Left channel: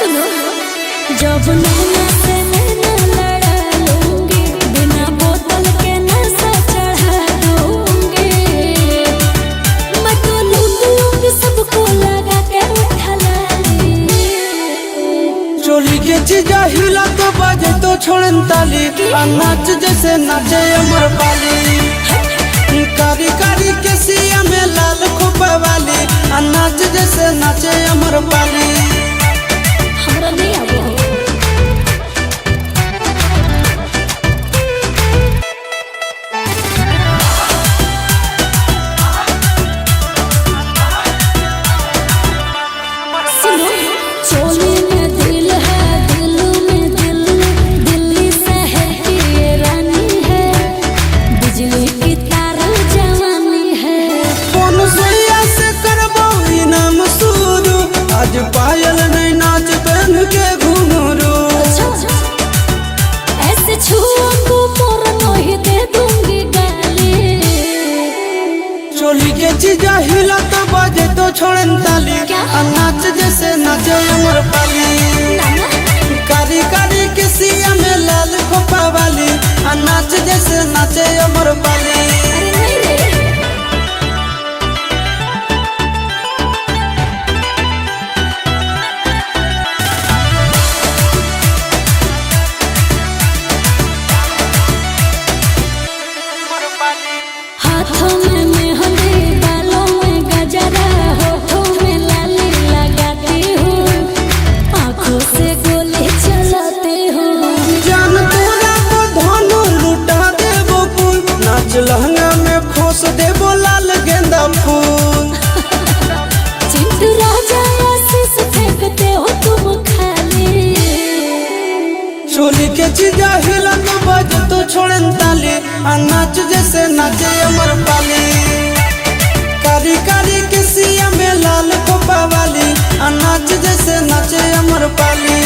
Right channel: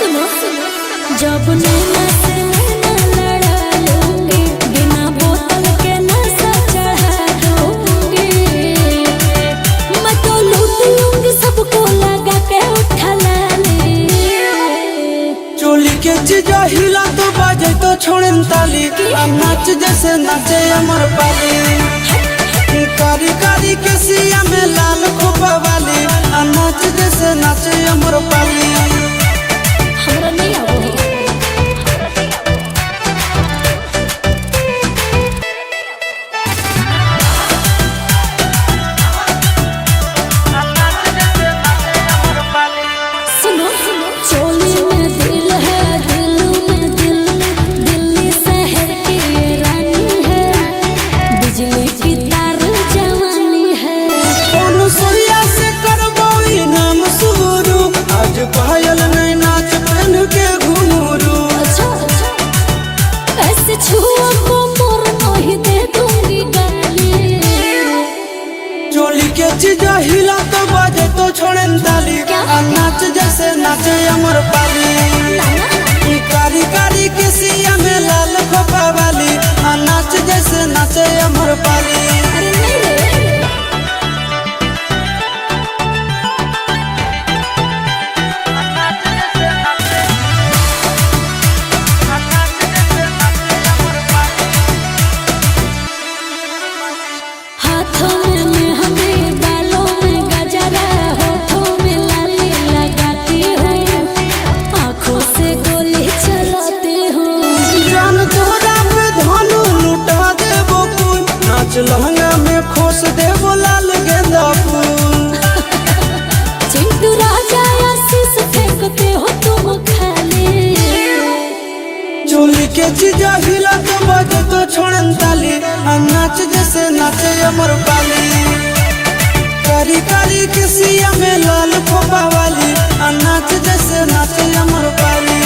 सुनो, जब नैना से नैना लड़ा लूंगी, बिना बोतल के नशा चढ़ा दूंगी। मैं तो लूंगी सबको लगा के उठा लाली। चोली के चीजा हिला तो बजे तो छोड़न ताली। नाच जैसे नाचे अमर पाली। कारी कारी के सिया में लाल कोपा वाली। नाच जैसे नाचे अमर पाली। हमरा नहीं आबो हो। सुनो, चोली में दिल है, दिल में दिल्ली, दिल्ली शहर की ये रानी है। बिजली की तार जवानी है। अच्छा, ऐसे छूओ और नहीं दे दूंगी गाली। चोली के चीजा हिला तो बजे तो छोड़न ताली। क्या? नाच जैसे नाचे अमर पाली। नाना कारी कारी के सिया में लाल कोपा वाली। नाच जैसे नाचे अमर पाली। अरे नहीं रे, हाथों में मेहंदी, बालों में गजरा, होठों में लाली लगाती हूँ, आँखों से गोली चलाती हूँ। जान तोरा पे धोनो लूटा देबो फूल। नाच लहंगा में खुश देबो लाल गेंदा फूल। चिंटू राजा आशीष फेंकते हो तुम खाली। चोली के चीजा हिला तो बजे तो छोड़न ताली। नाच जैसे नाचे अमर पाली। कारी कारी के सिया में लाल कोपा वाली। नाच जैसे नाचे अमर पाली।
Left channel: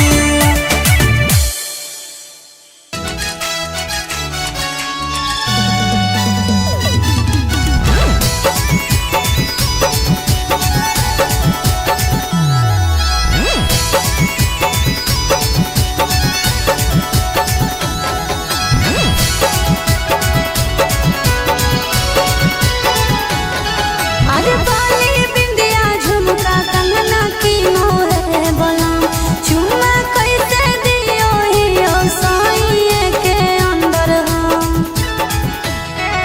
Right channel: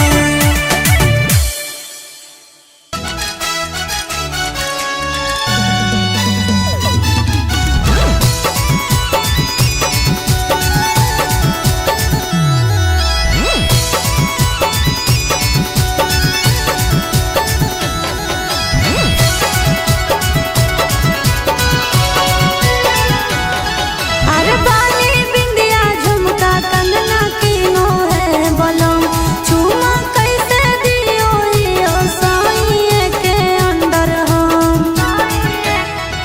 अरे बाली बिंदिया झुमका कंगना कीनो है बलम, चूना कैसे दियो ही ओसाइए के अंदर हम।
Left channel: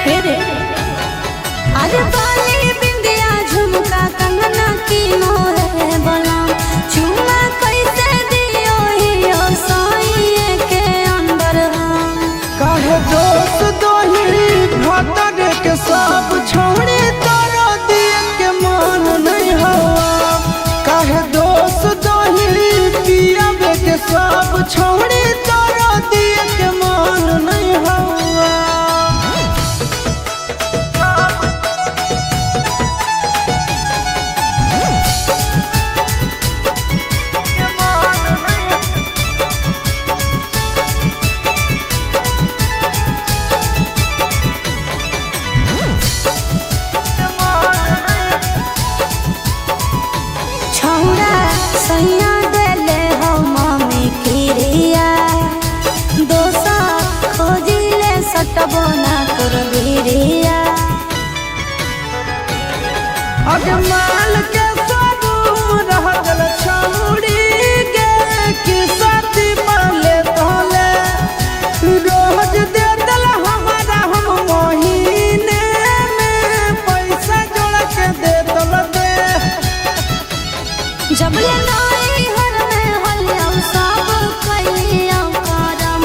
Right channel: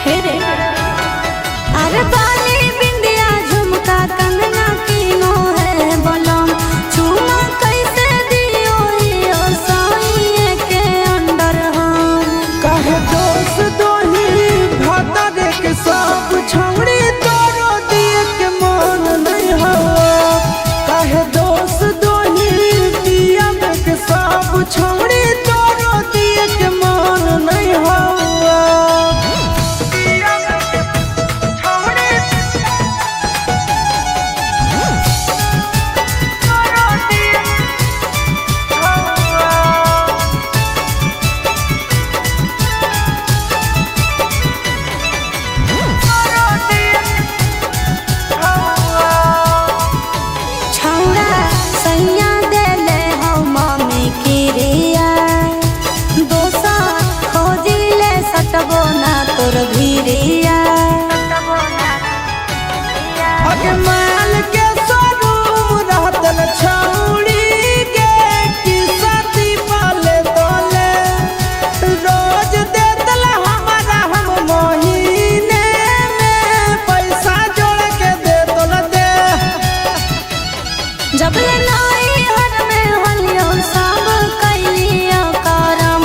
हे रे, अरे बाली बिंदिया झुमका कंगना कीनो है बलम, चूना कैसे दियो ही ओसाइए के अंदर हम। काहे दोस्त दोही भटके के सब छोड़ी तारा दिल के मान नहीं हो। काहे दोस्त दोही पिया के सब छोड़ी तारा दिल के मान नहीं हो। छोड़ा सैया दे ले हम मम्मी की रिया, दोसा खोजी ले सटबो ना कर भिरिया। अजमाल के सनम रहतल छौड़ी के कि साथी पाले तोले। रोज देतल हमारा हम महीने में पैसा जोड़ के दे तोर दे। जब लनाई हर में हलियो सब कैलिया करम,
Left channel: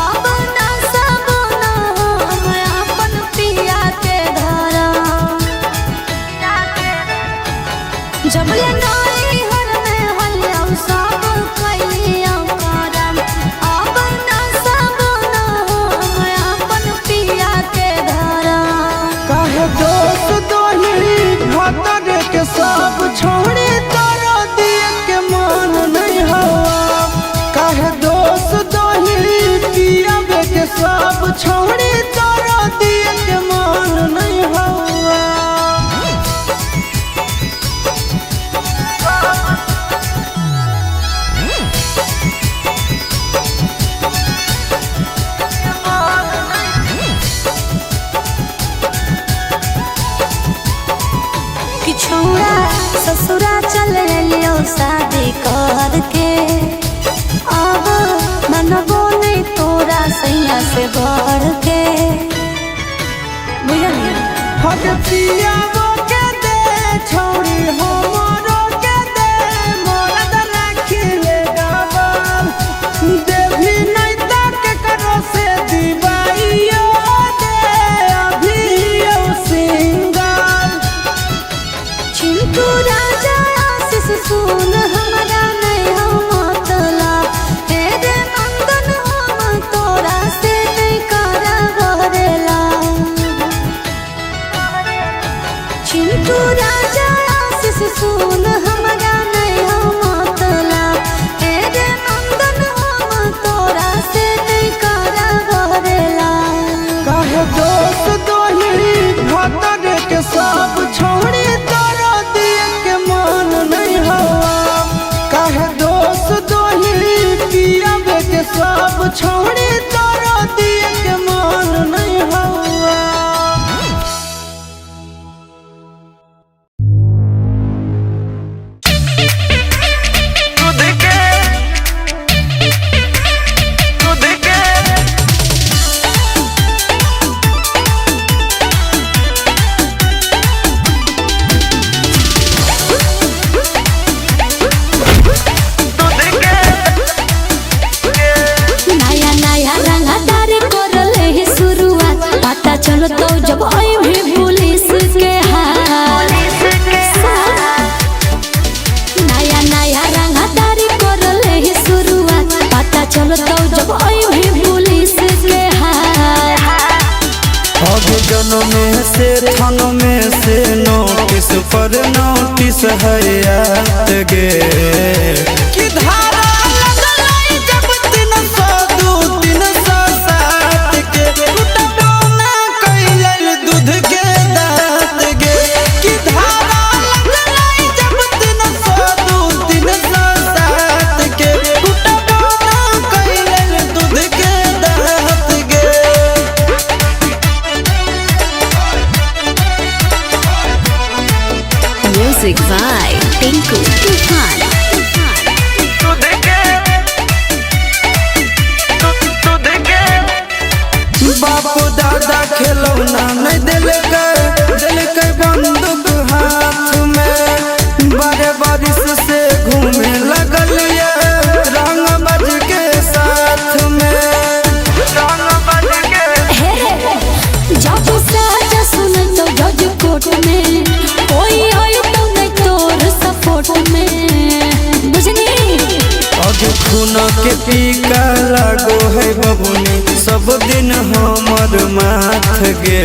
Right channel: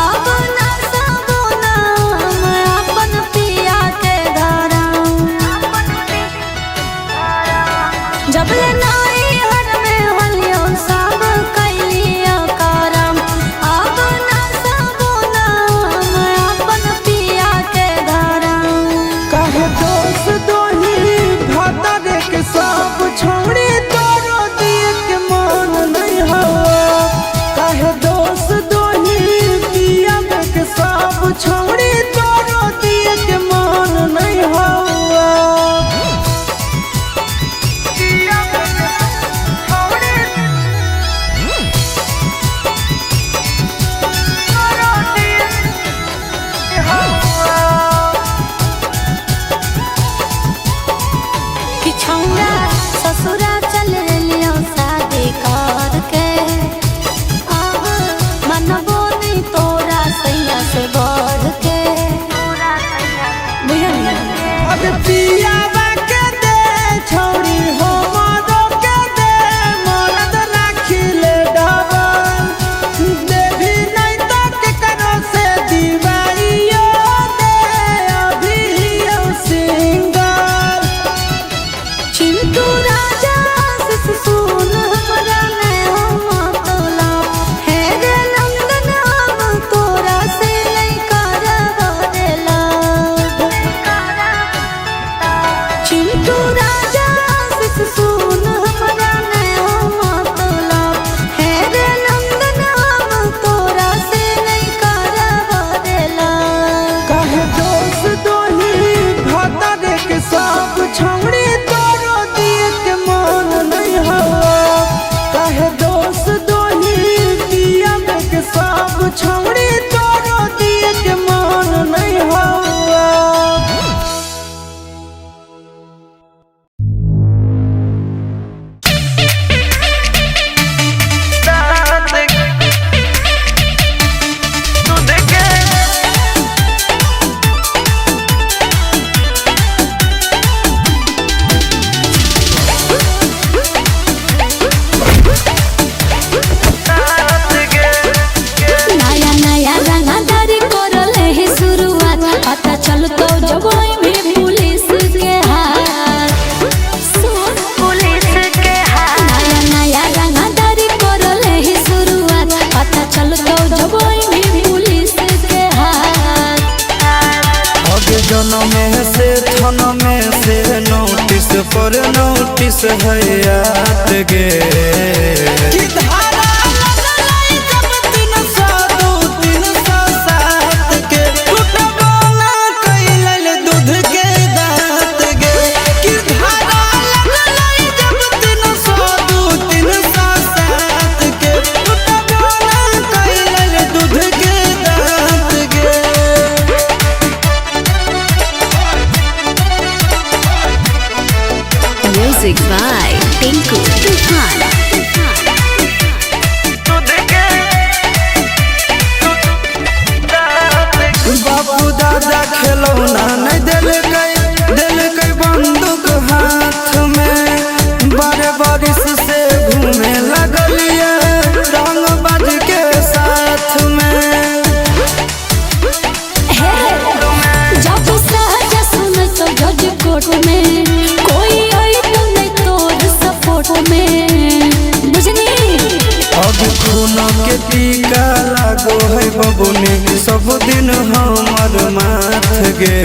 अब ना सबोना अपन पिया के धरम। जब लनाई हर में हलियो सब कैलिया करम, अब ना सबोना अपन पिया के धरम। काहे दोस्त दोही भटके के सब छोड़ी तारा दिल के मान नहीं हो। काहे दोस्त दोही पिया के सब छोड़ी तारा दिल के मान नहीं हो। पियब के सब छोड़ी तोरा दिल के मान नहीं हो। Music by Tinku Tufan. बापू दादा खिलौना नहीं दिल के बंदूक हाथ में बड़े बारिश से घूमने लगल ये रंग बज के साथ में। जब सहज सुन तो जज कोर्ट में कोई आयो तो देख तोर सपोर्ट में बुझनी अब खुला के टीका लगो है बबुनी सब दिन हमर माथ गे।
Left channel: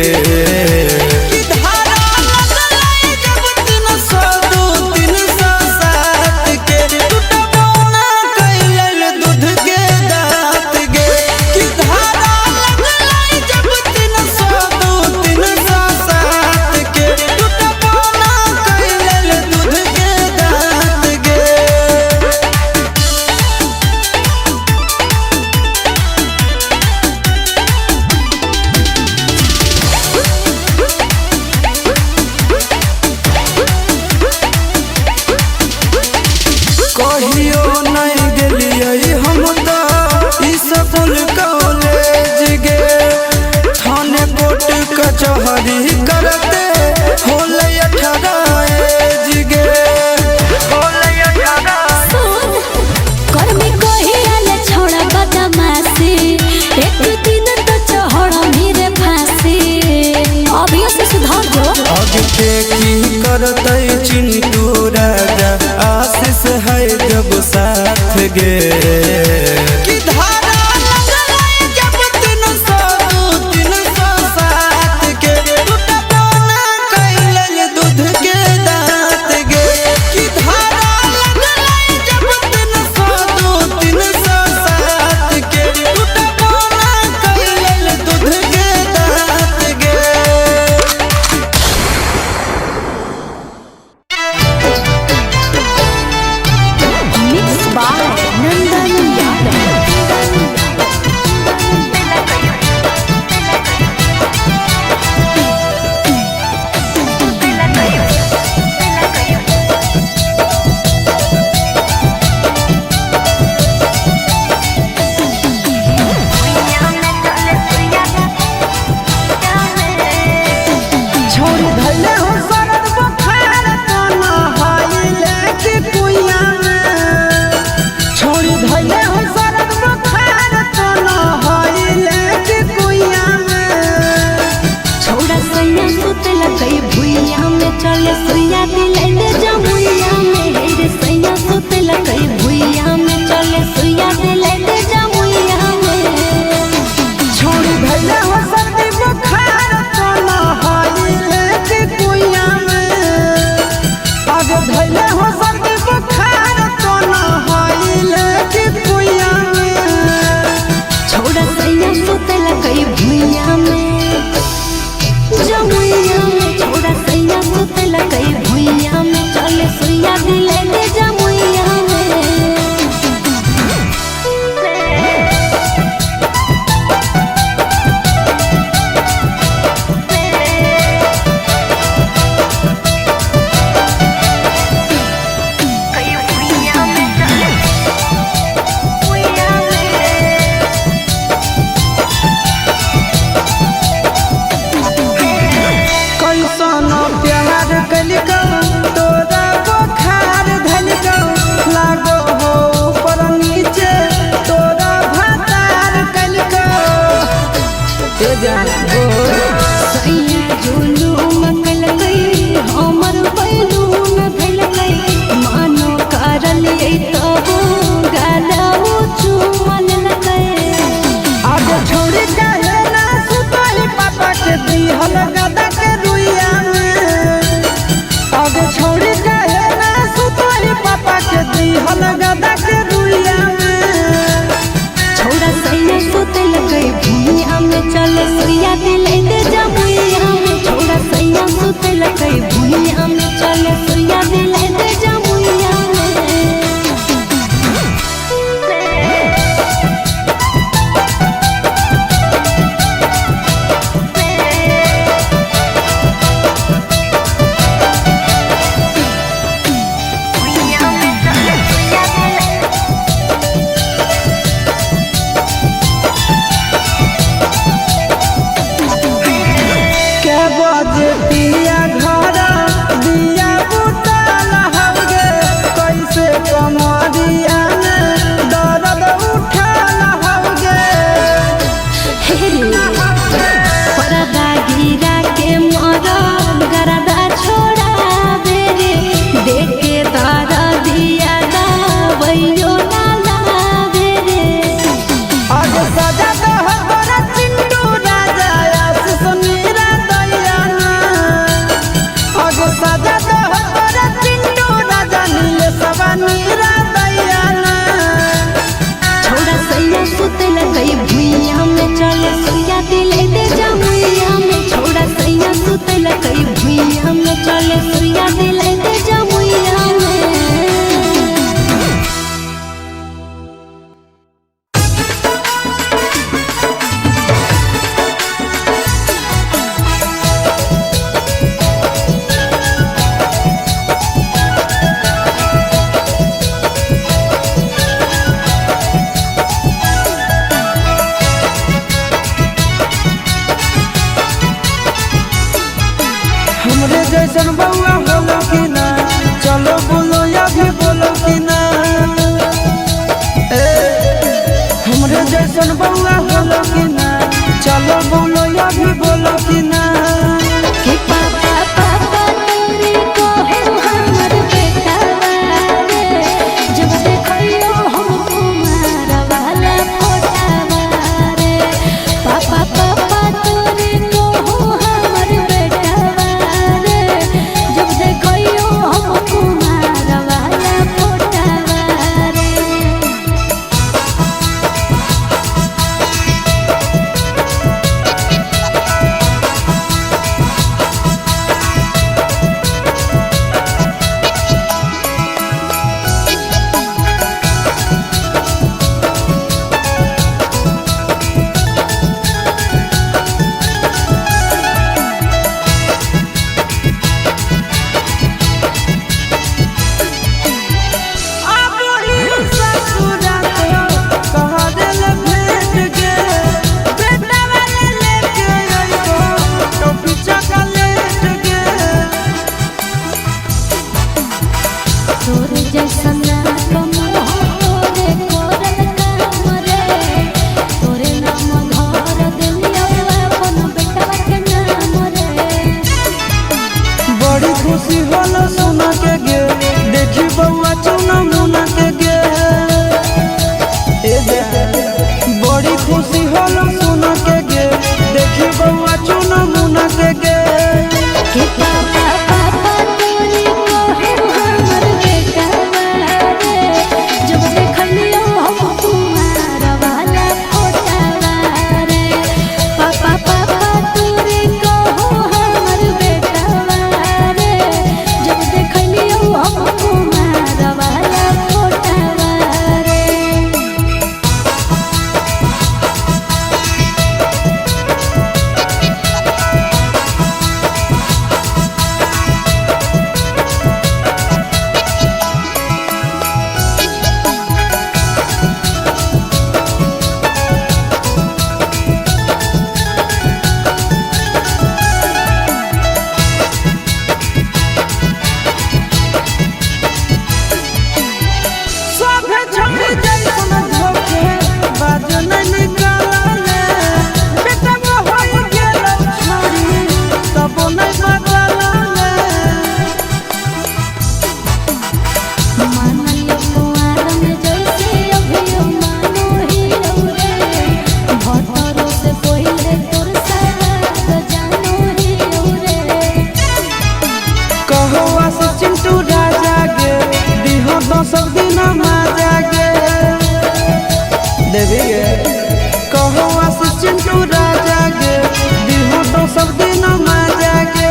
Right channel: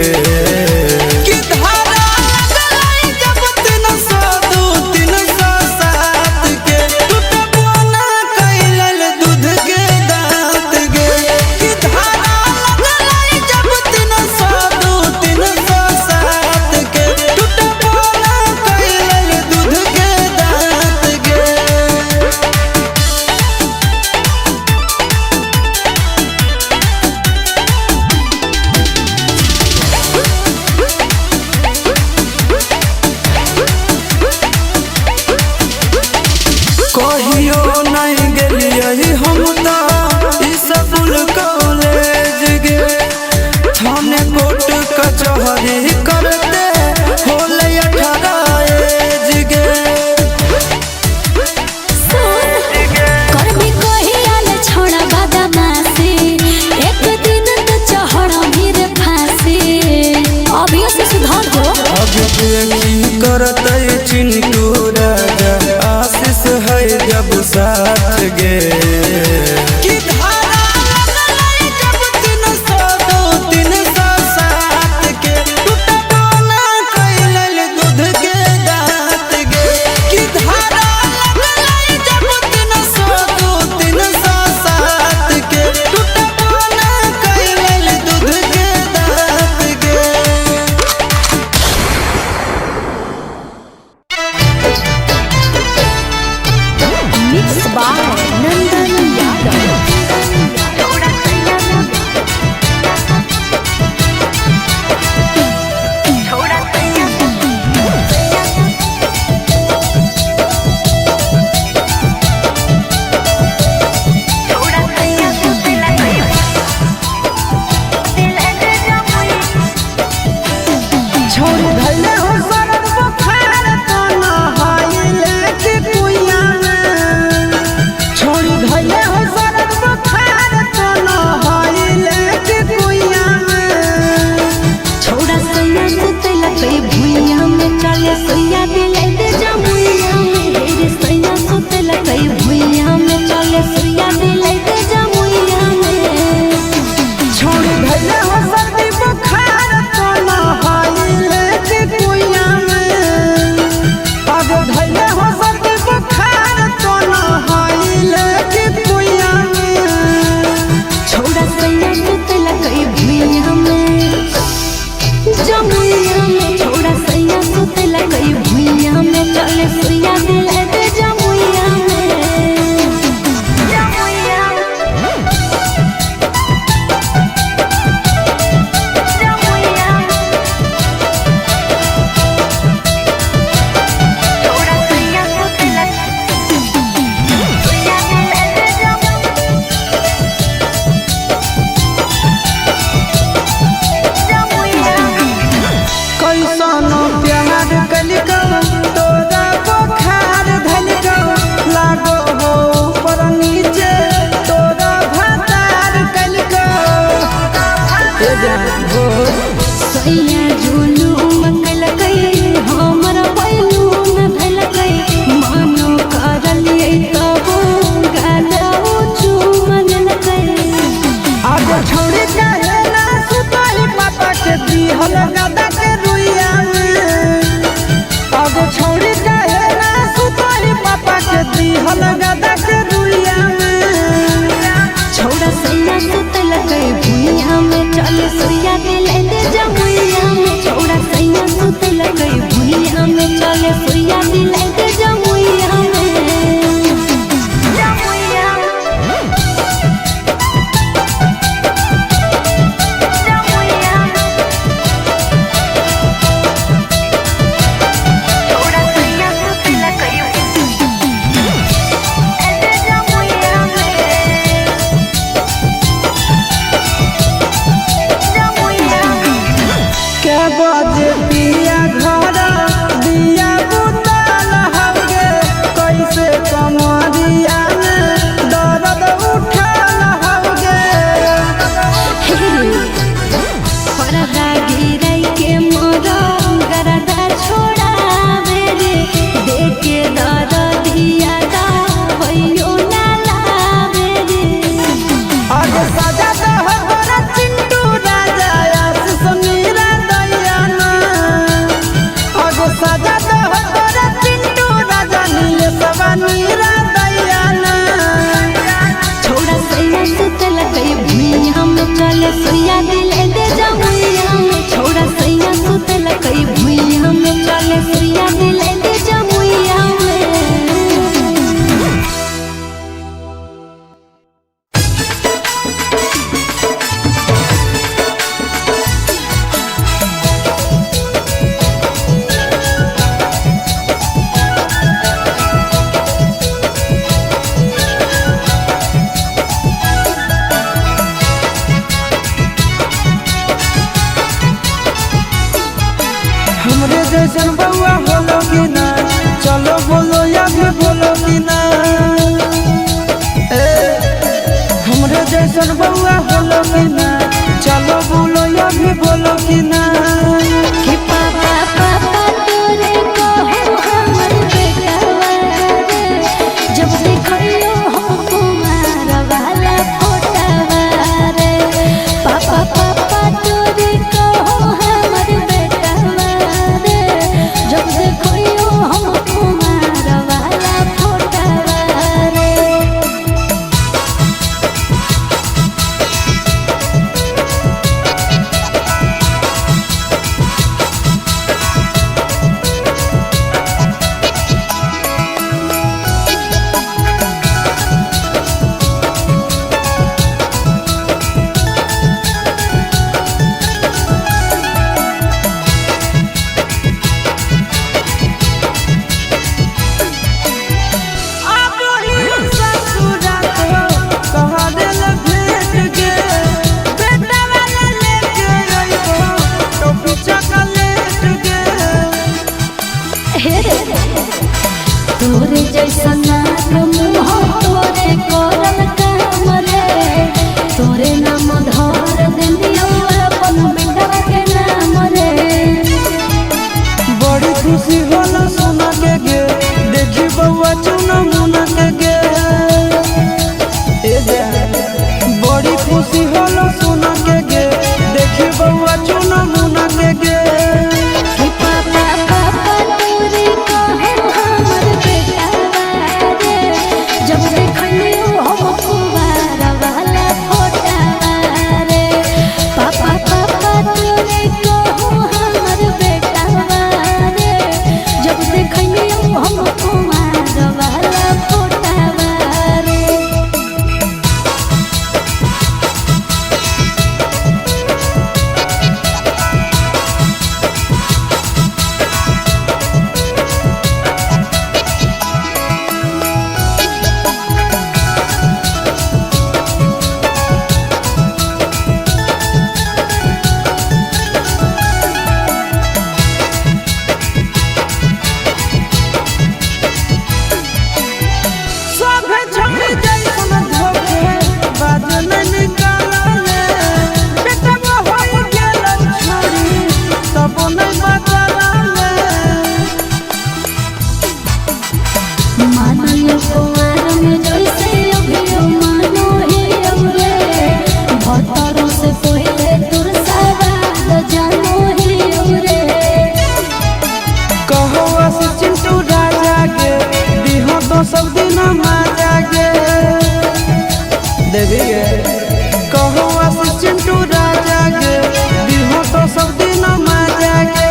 जैसन बउआ होलो कि ना, चलो बोलो या भी बोलो कि ना। हमरे जैसन बउआ होलो कि ना, चलो बोलो या भी बोलो कि ना। खुशी होला सोना के गे, देखी बउआ चुना मुना के गे। बड़ी खुशी होला सोना के गे, देखी बउआ चुना मुना के गे। सब दिन माजा गे देवी गे, कहो आशीष चिंटू राजा गे, दिहो तो सब दिन माजा गे।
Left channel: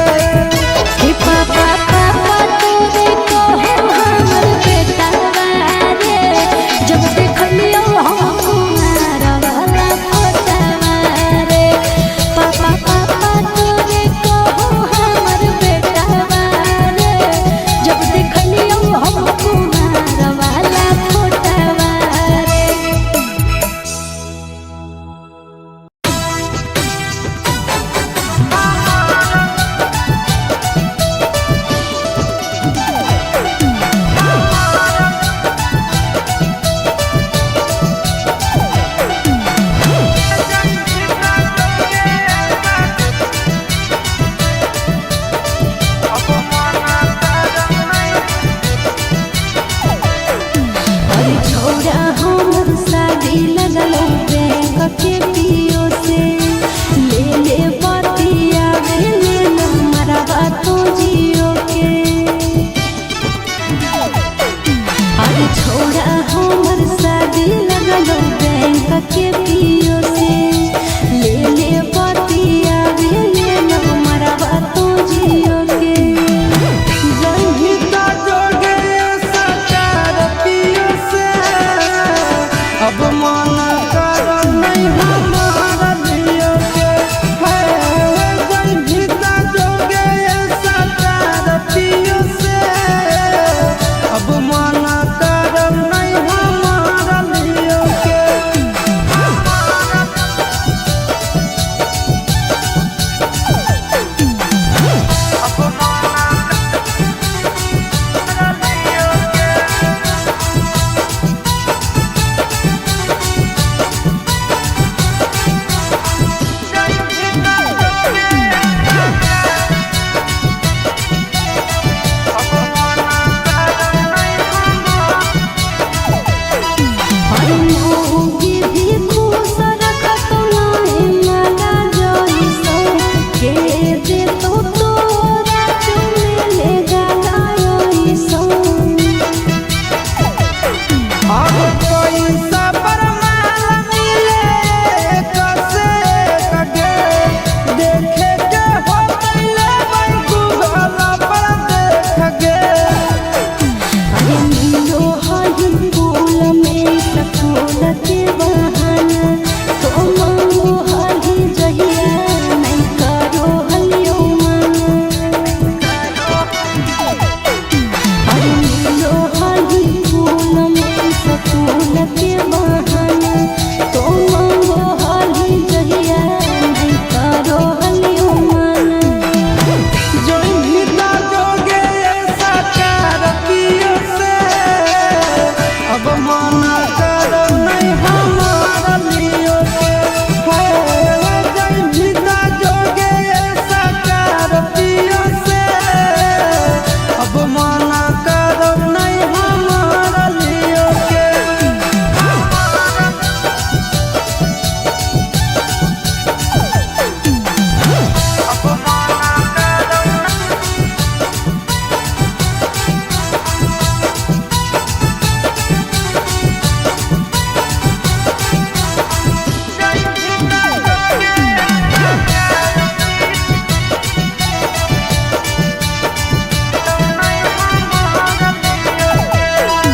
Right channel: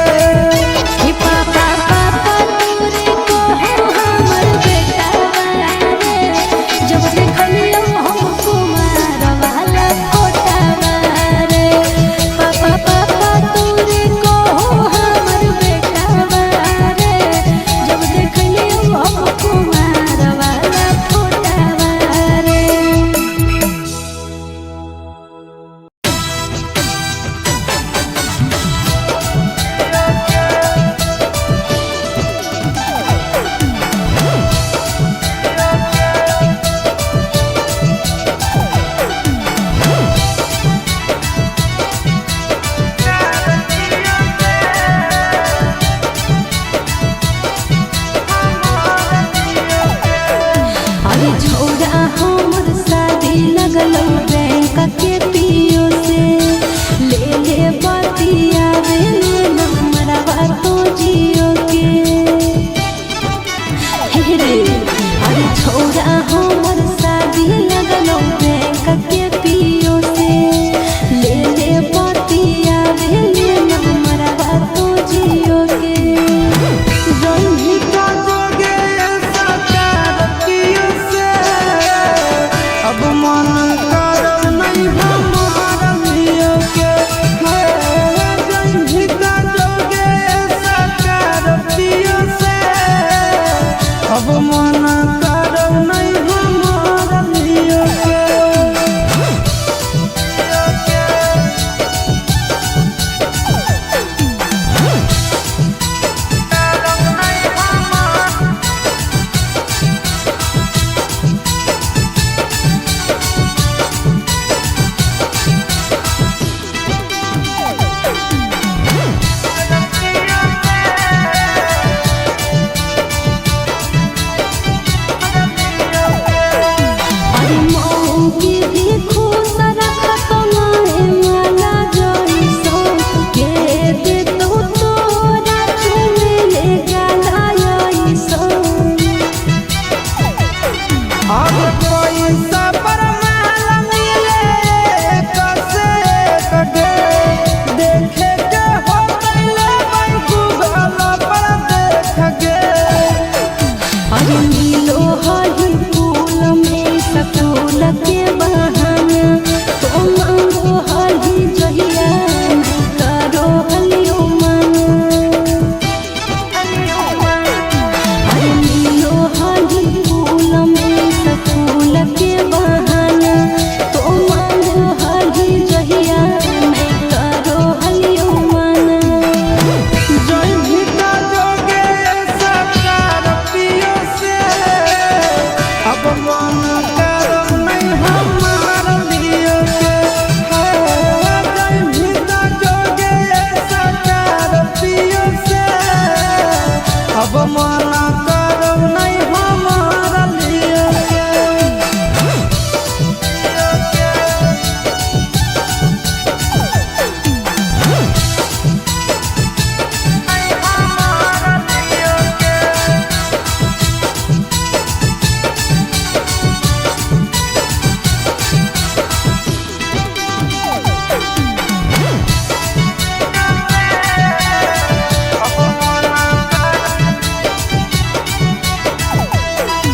पैसा पर माल मिले कसे कगे देखे के हो पहले मैं गूगल पर देख गे तो हरी फूल में सपूत के बहाना तो मंगो हरी जहिया मैं करो हलियो तो हरी फूल में सपूत के बहाना तो मंगो हरी जहिया मैं करो हलियो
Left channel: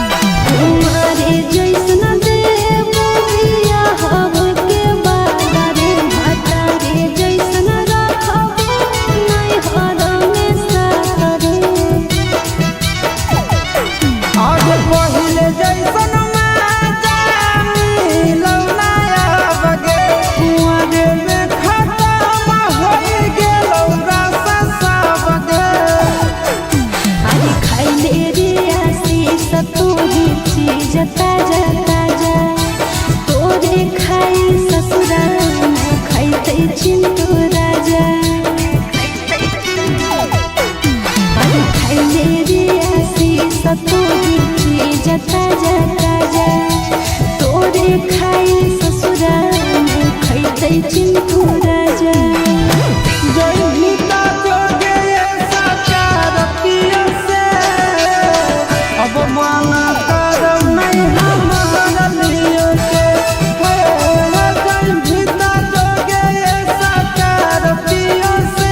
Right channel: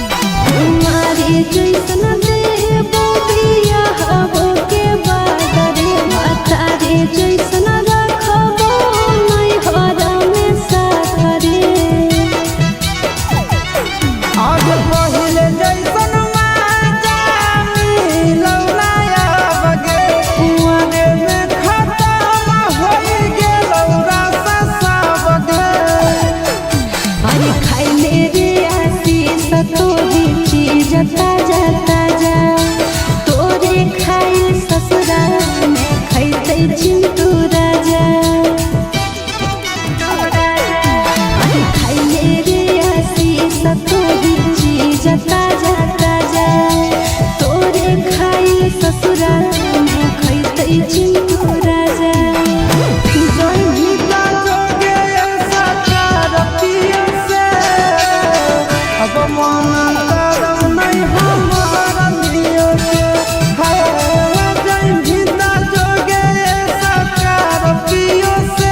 तुम्हारे जैसन देवरिया हवा के बाहरे मातारे जैसन रखबो नहीं हरम सारे आज पहिले जैसन माजा मिलौना बगे कुआरे में खत्म होई गेलौ रस सब गे आई खाई तेरे आशीष तोरी चीज ताजा ताजा तोरे खाए ससुरा मैं खाई चिंटू राजा आई खाई तेरे आशीष तोरी चीज ताजा ताजा तोरे खाए ससुरा मैं खाई चिंटू राजा जय गीता लोगे ऐसा प्यार पिए से अब माना नहीं हमारा लिए जय गीता लोगे ऐसा प्यार पिए से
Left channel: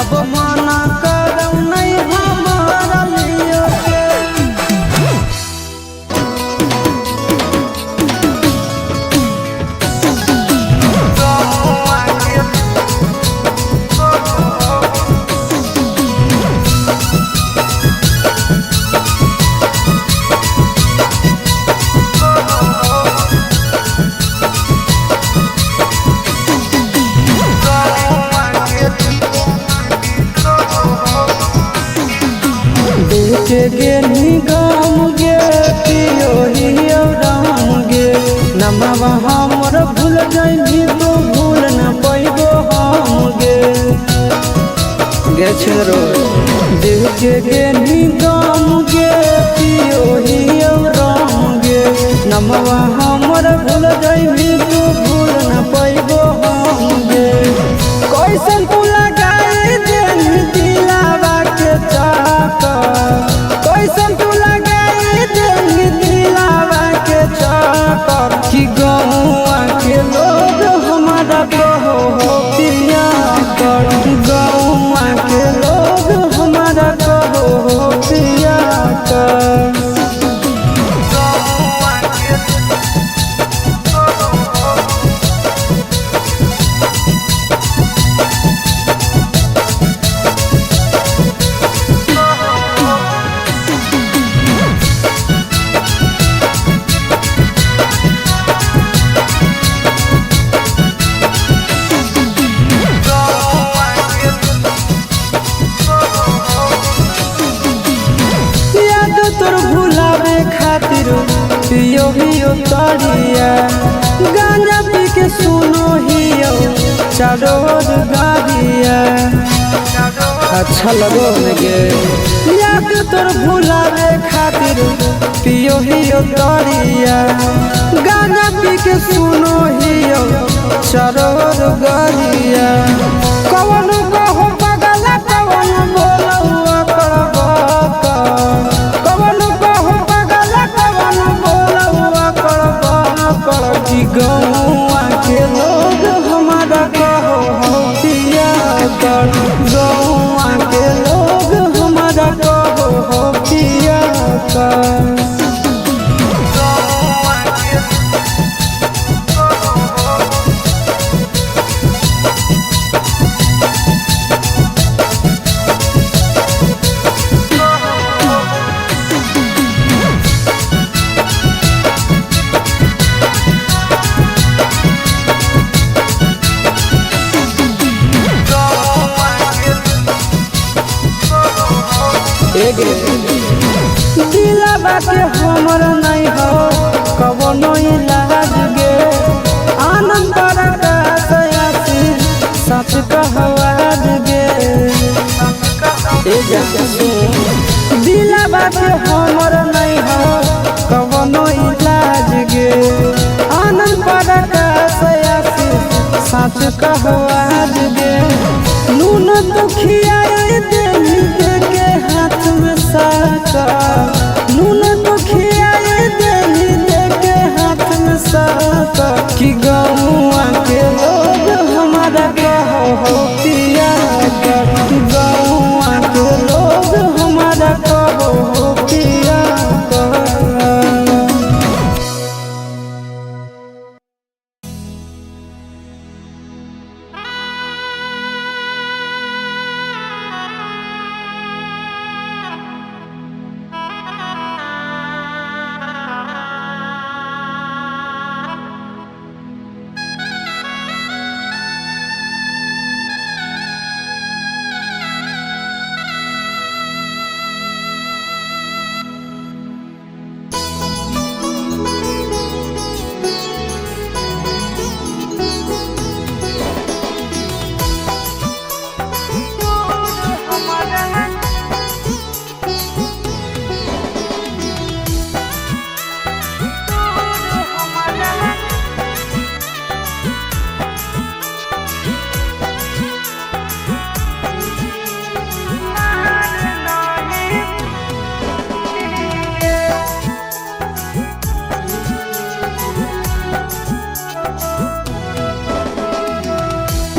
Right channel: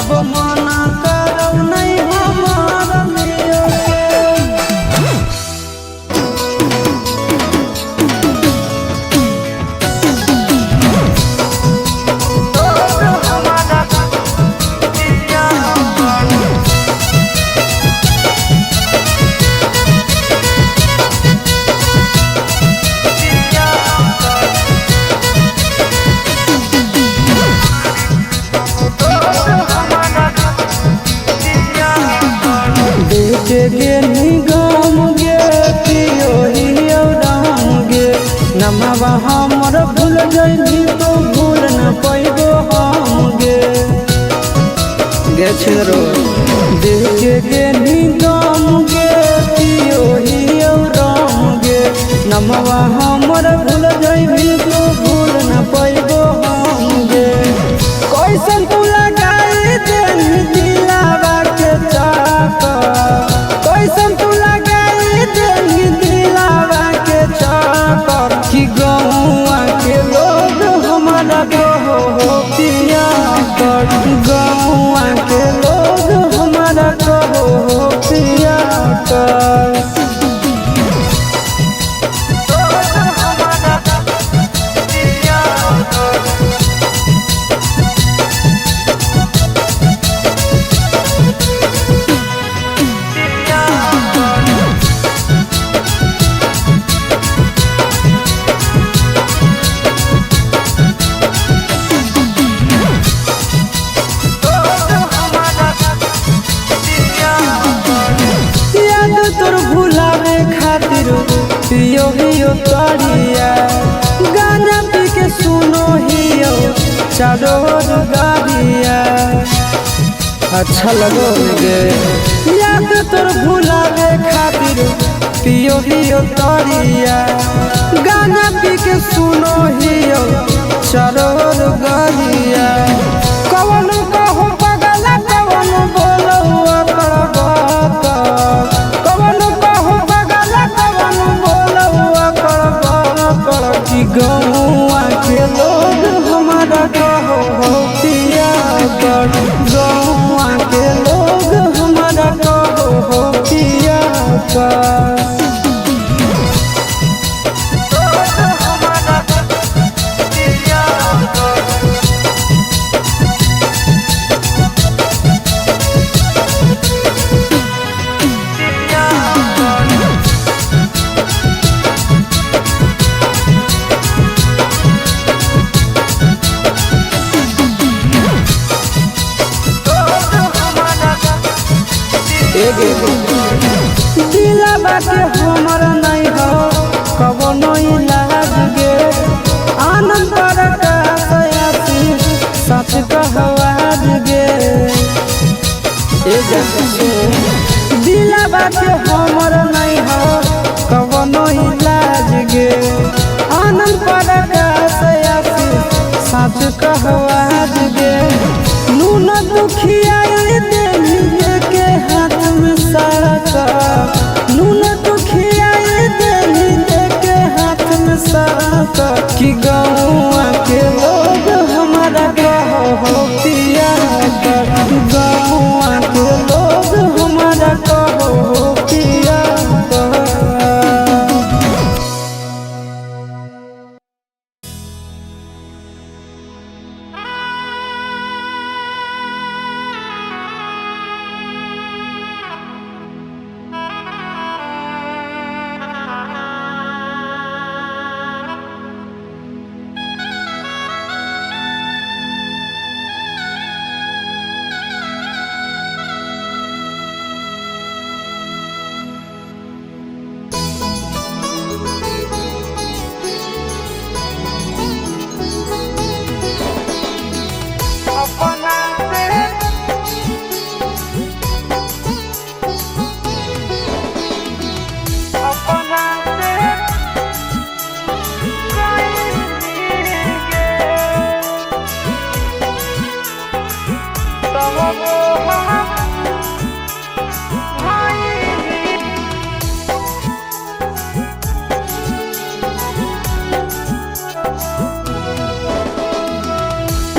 अब माना कर नहीं हमारा लिए देखे गे निगम गे पियो ही राम गे नमवा हमर भूल जइनी तो भूल न पैबो हम गे गे छिरो देखे गे निगम गे पियो ही राम गे नमवा हमर भूल जइनी तो भूल न पैबो हम गे कैसन तू लगाई देनी दिलावा के चाकर कैसन तू लगाई देनी दिलावा के चाकर कि गौआ के लोग हमारा कहो हो पिया कर गौआ के लोग हमारा कहो हो पिया कर तोर भुलावे खातिर पियो हियो तड़िया गांजा पी के सुनो हियो चारोर गाड़िया अच्छा लगो गे याद तोर भुलावे खातिर पियो हियो तड़िया गांजा पी के सुनो हियो चारोर गाड़िया कवन कहो पगला कवन बोलो कवन कहो पगला कवन गौआ के लोग हमारा कहो हो पिया कर, गौआ के लोग हमारा कहो हो पिया कर। दिलाबा के हमर नहीं हो कवनो इलाज गे, आनंद पर आसी सच कहवाज गे। दिलाबा के हमर नहीं हो कवनो इलाज गे, आनंद पर आसी सच कहवाज गे। नून दुखिया देवी के हाथ में साका, नून दुखिया देवी के हाथ में साका, कि गौआ के लोग हमारा कहो हो पिया कर, गौआ के लोग हमारा कहो हो पिया कर।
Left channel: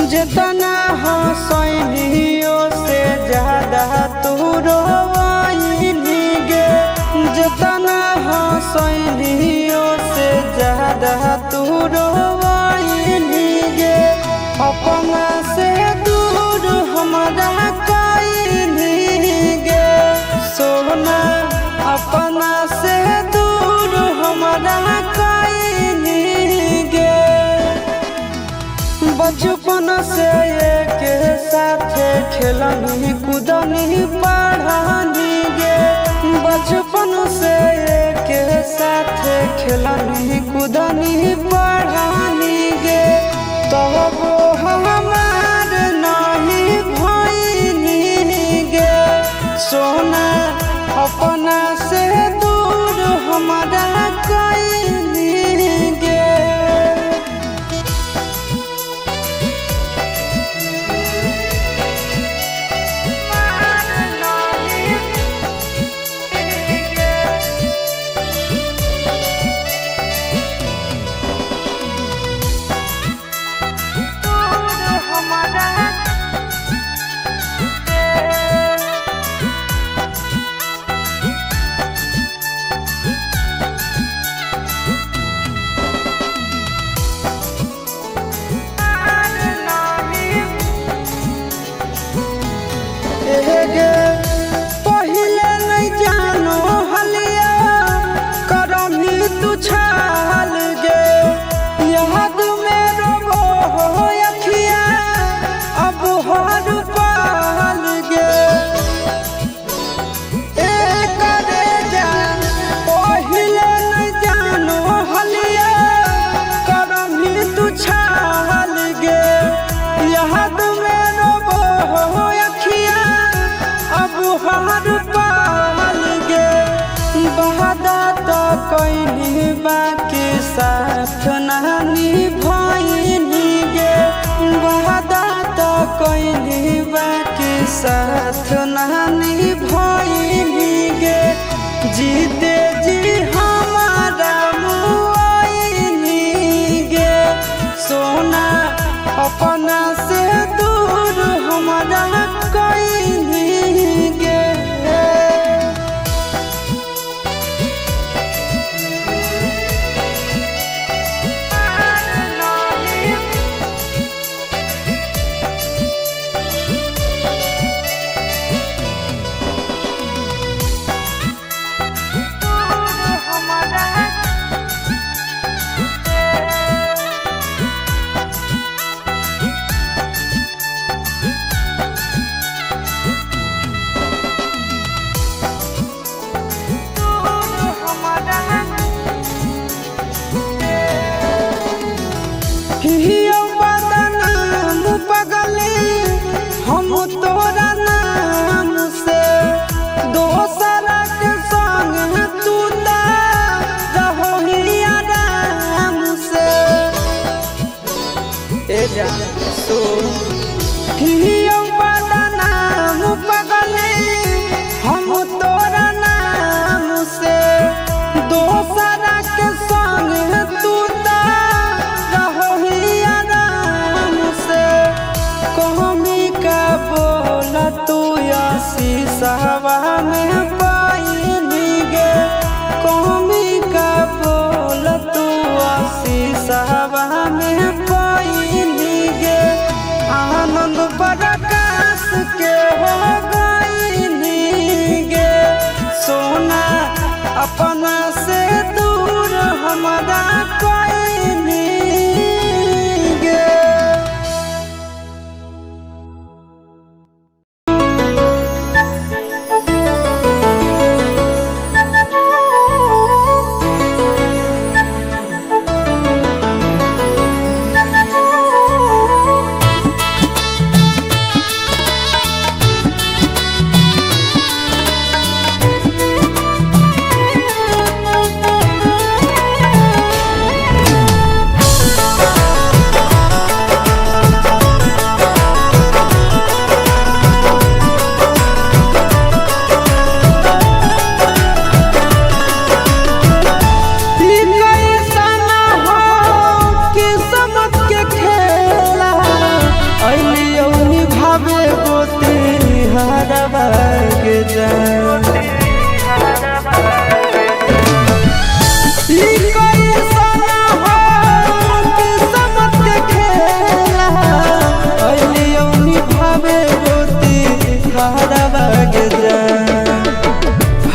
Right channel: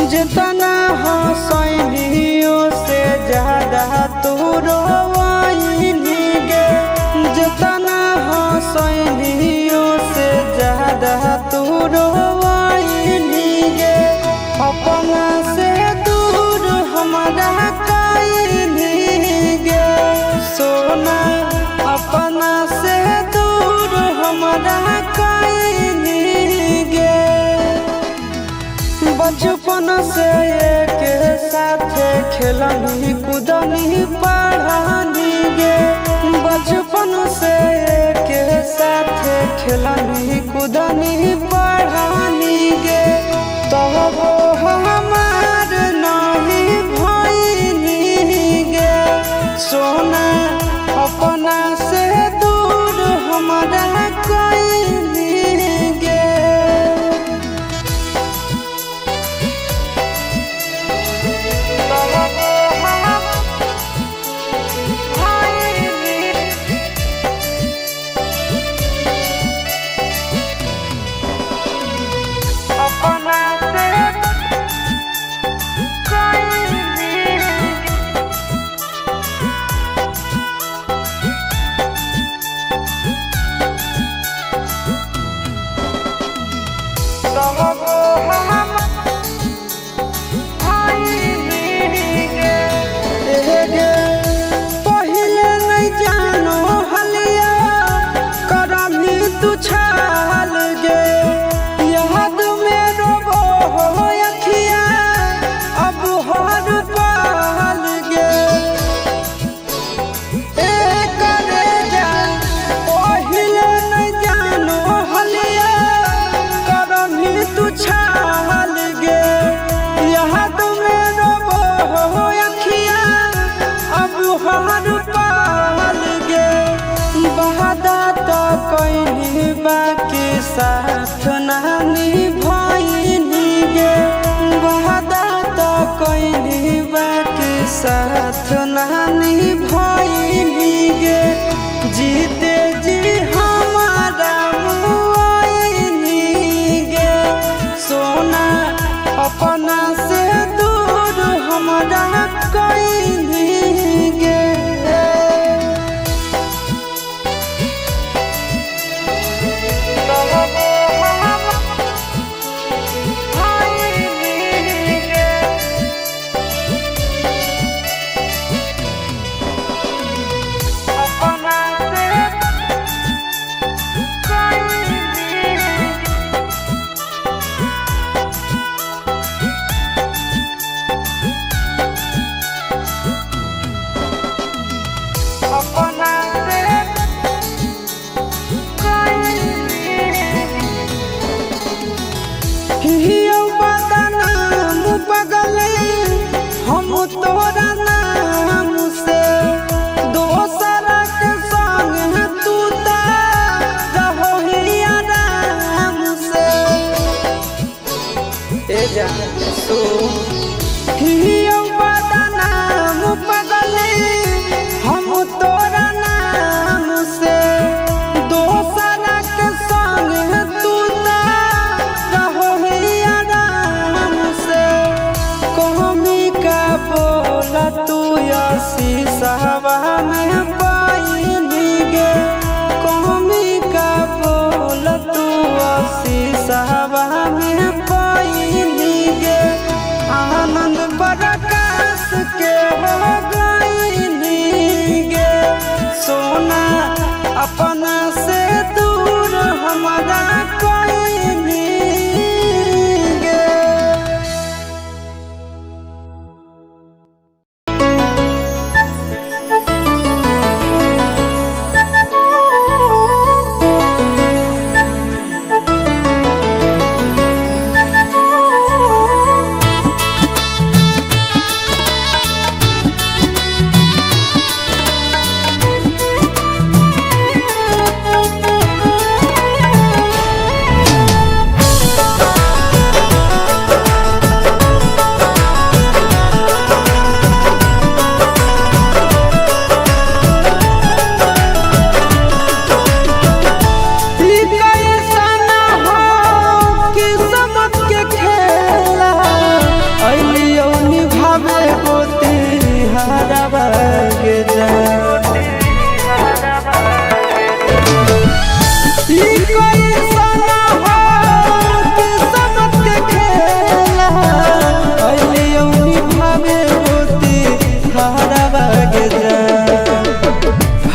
जितना हंसैलियों से ज्यादा तू रोवाइली गे, जितना हंसैलियों से ज्यादा तू रोवाइली गे। अपना से दूर हमारा कइली गे सोना, अपना से दूर हमारा कइली गे। बचपन से एक साथ खेलनी कूदनी पढ़ानी गे, बचपन से एक साथ खेलनी कूदनी पढ़ानी गे। तब हमार नहीं भइली गे सोना, अपना से दूर हमारा कइली गे। पहिले नहीं जानो हलिया करमी तू छाल गे, याद में रोबो हो अखिया अब हर पाल गे। करे जा पहिले नहीं जानो हलिया करमी तू छाल गे, याद में रोबो हो अखिया अब हर पाल गे। बहादा तो कैली बाकी साथ नानी भइनी गे, बहादा तो कैली बाकी साथ नानी भइनी गे। जीते जी हमारा मुआइनी गे हियो बदनाम पगले हम तोरा नाम से दोसरा के संग तू ता रहो ही आराम से ए जा सो हियो बदनाम पगले हम तोरा नाम से दोसरा के संग तू ता रहो ही आराम से कहमी का बोला तू शीशवा में पाइनी गे कहमी का बोला तू शीशवा में पाइनी गे आनंद प्रकाश के हो गईनी गे सोना अपना से दूर हमारा कोई नहीं गे।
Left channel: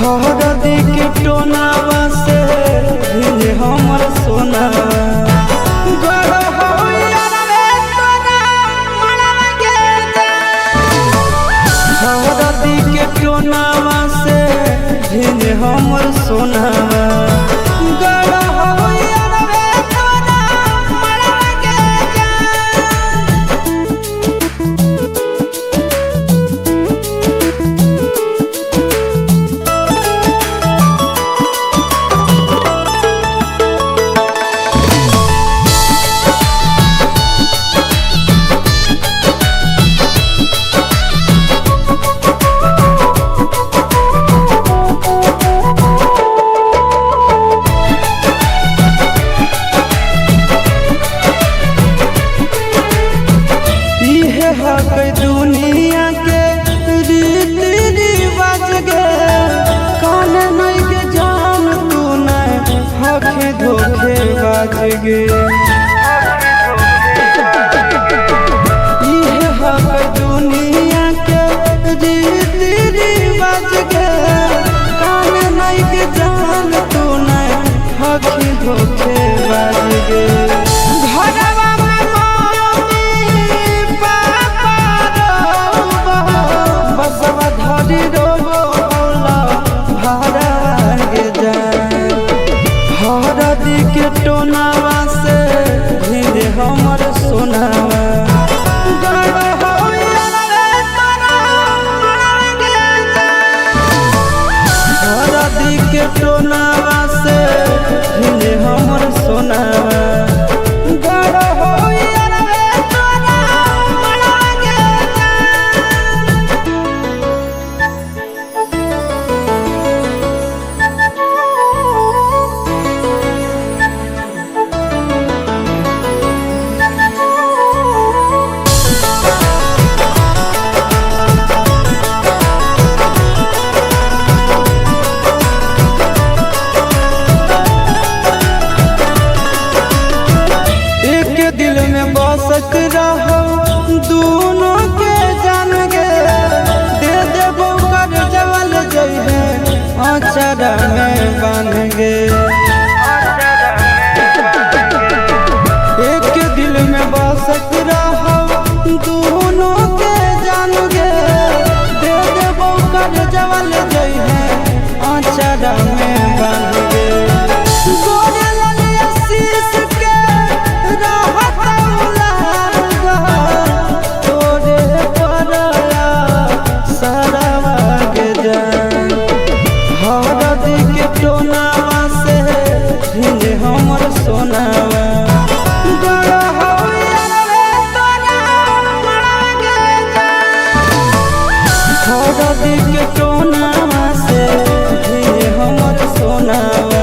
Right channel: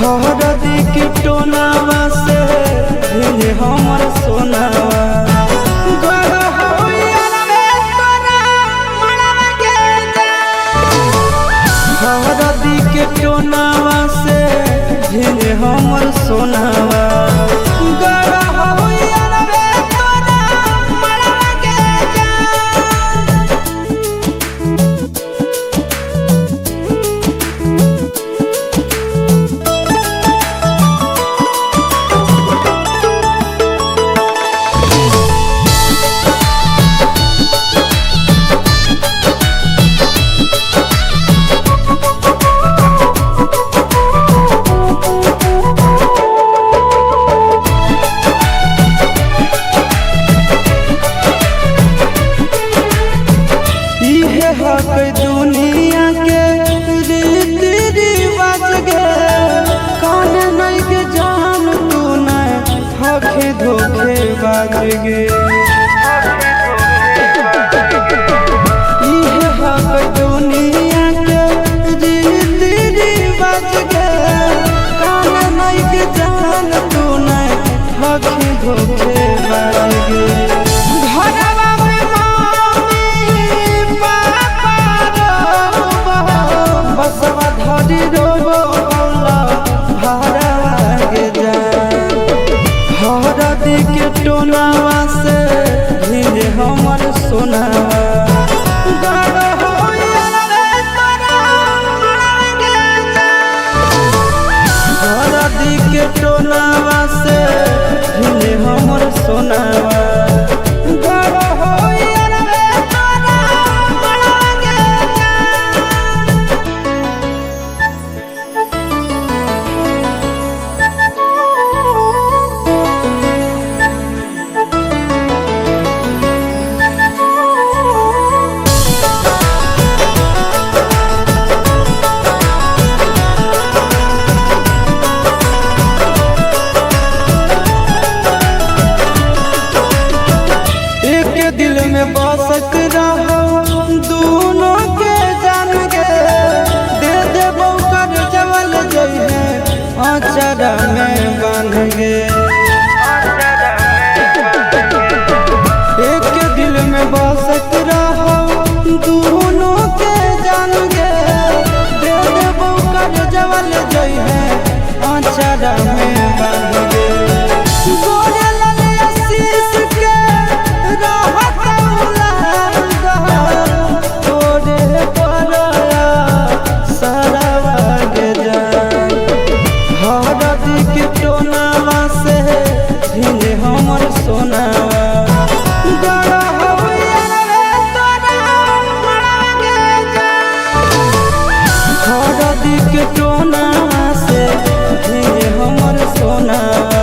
हरदी के टोनावा से भिन हमर सोनावा हरदी के टोनावा से भिन हमर सोनावा दुनिया के रीति रिवाज गे कान नहीं के जान तू नहीं हखे धोखे बाज गे इहे हक दुनिया के रीति रिवाज गे कान नहीं के जान तू नहीं हखे धोखे बाज गे घरवा बसवा धरी रोबो होला भरवा गे जान हरदी के टोनावा से भिन हमर सोनावा गड़ हो हरदी के टोनावा से भिन हमर सोनावा गड़ हो दिल में बसक रहो दोनों के जान गे दे देबो कर जवल जई है अचरा में बांध गे एक दिल में बसक रहो दोनों के जान गे दे देबो कर जवल जई है अचरा में बांध गे गोरे लाल आशीष के रहता सोनावा गड़ा हो यारवे तोरा मड़ागे जा हरदी के टोनावा से हे हमर सोनावा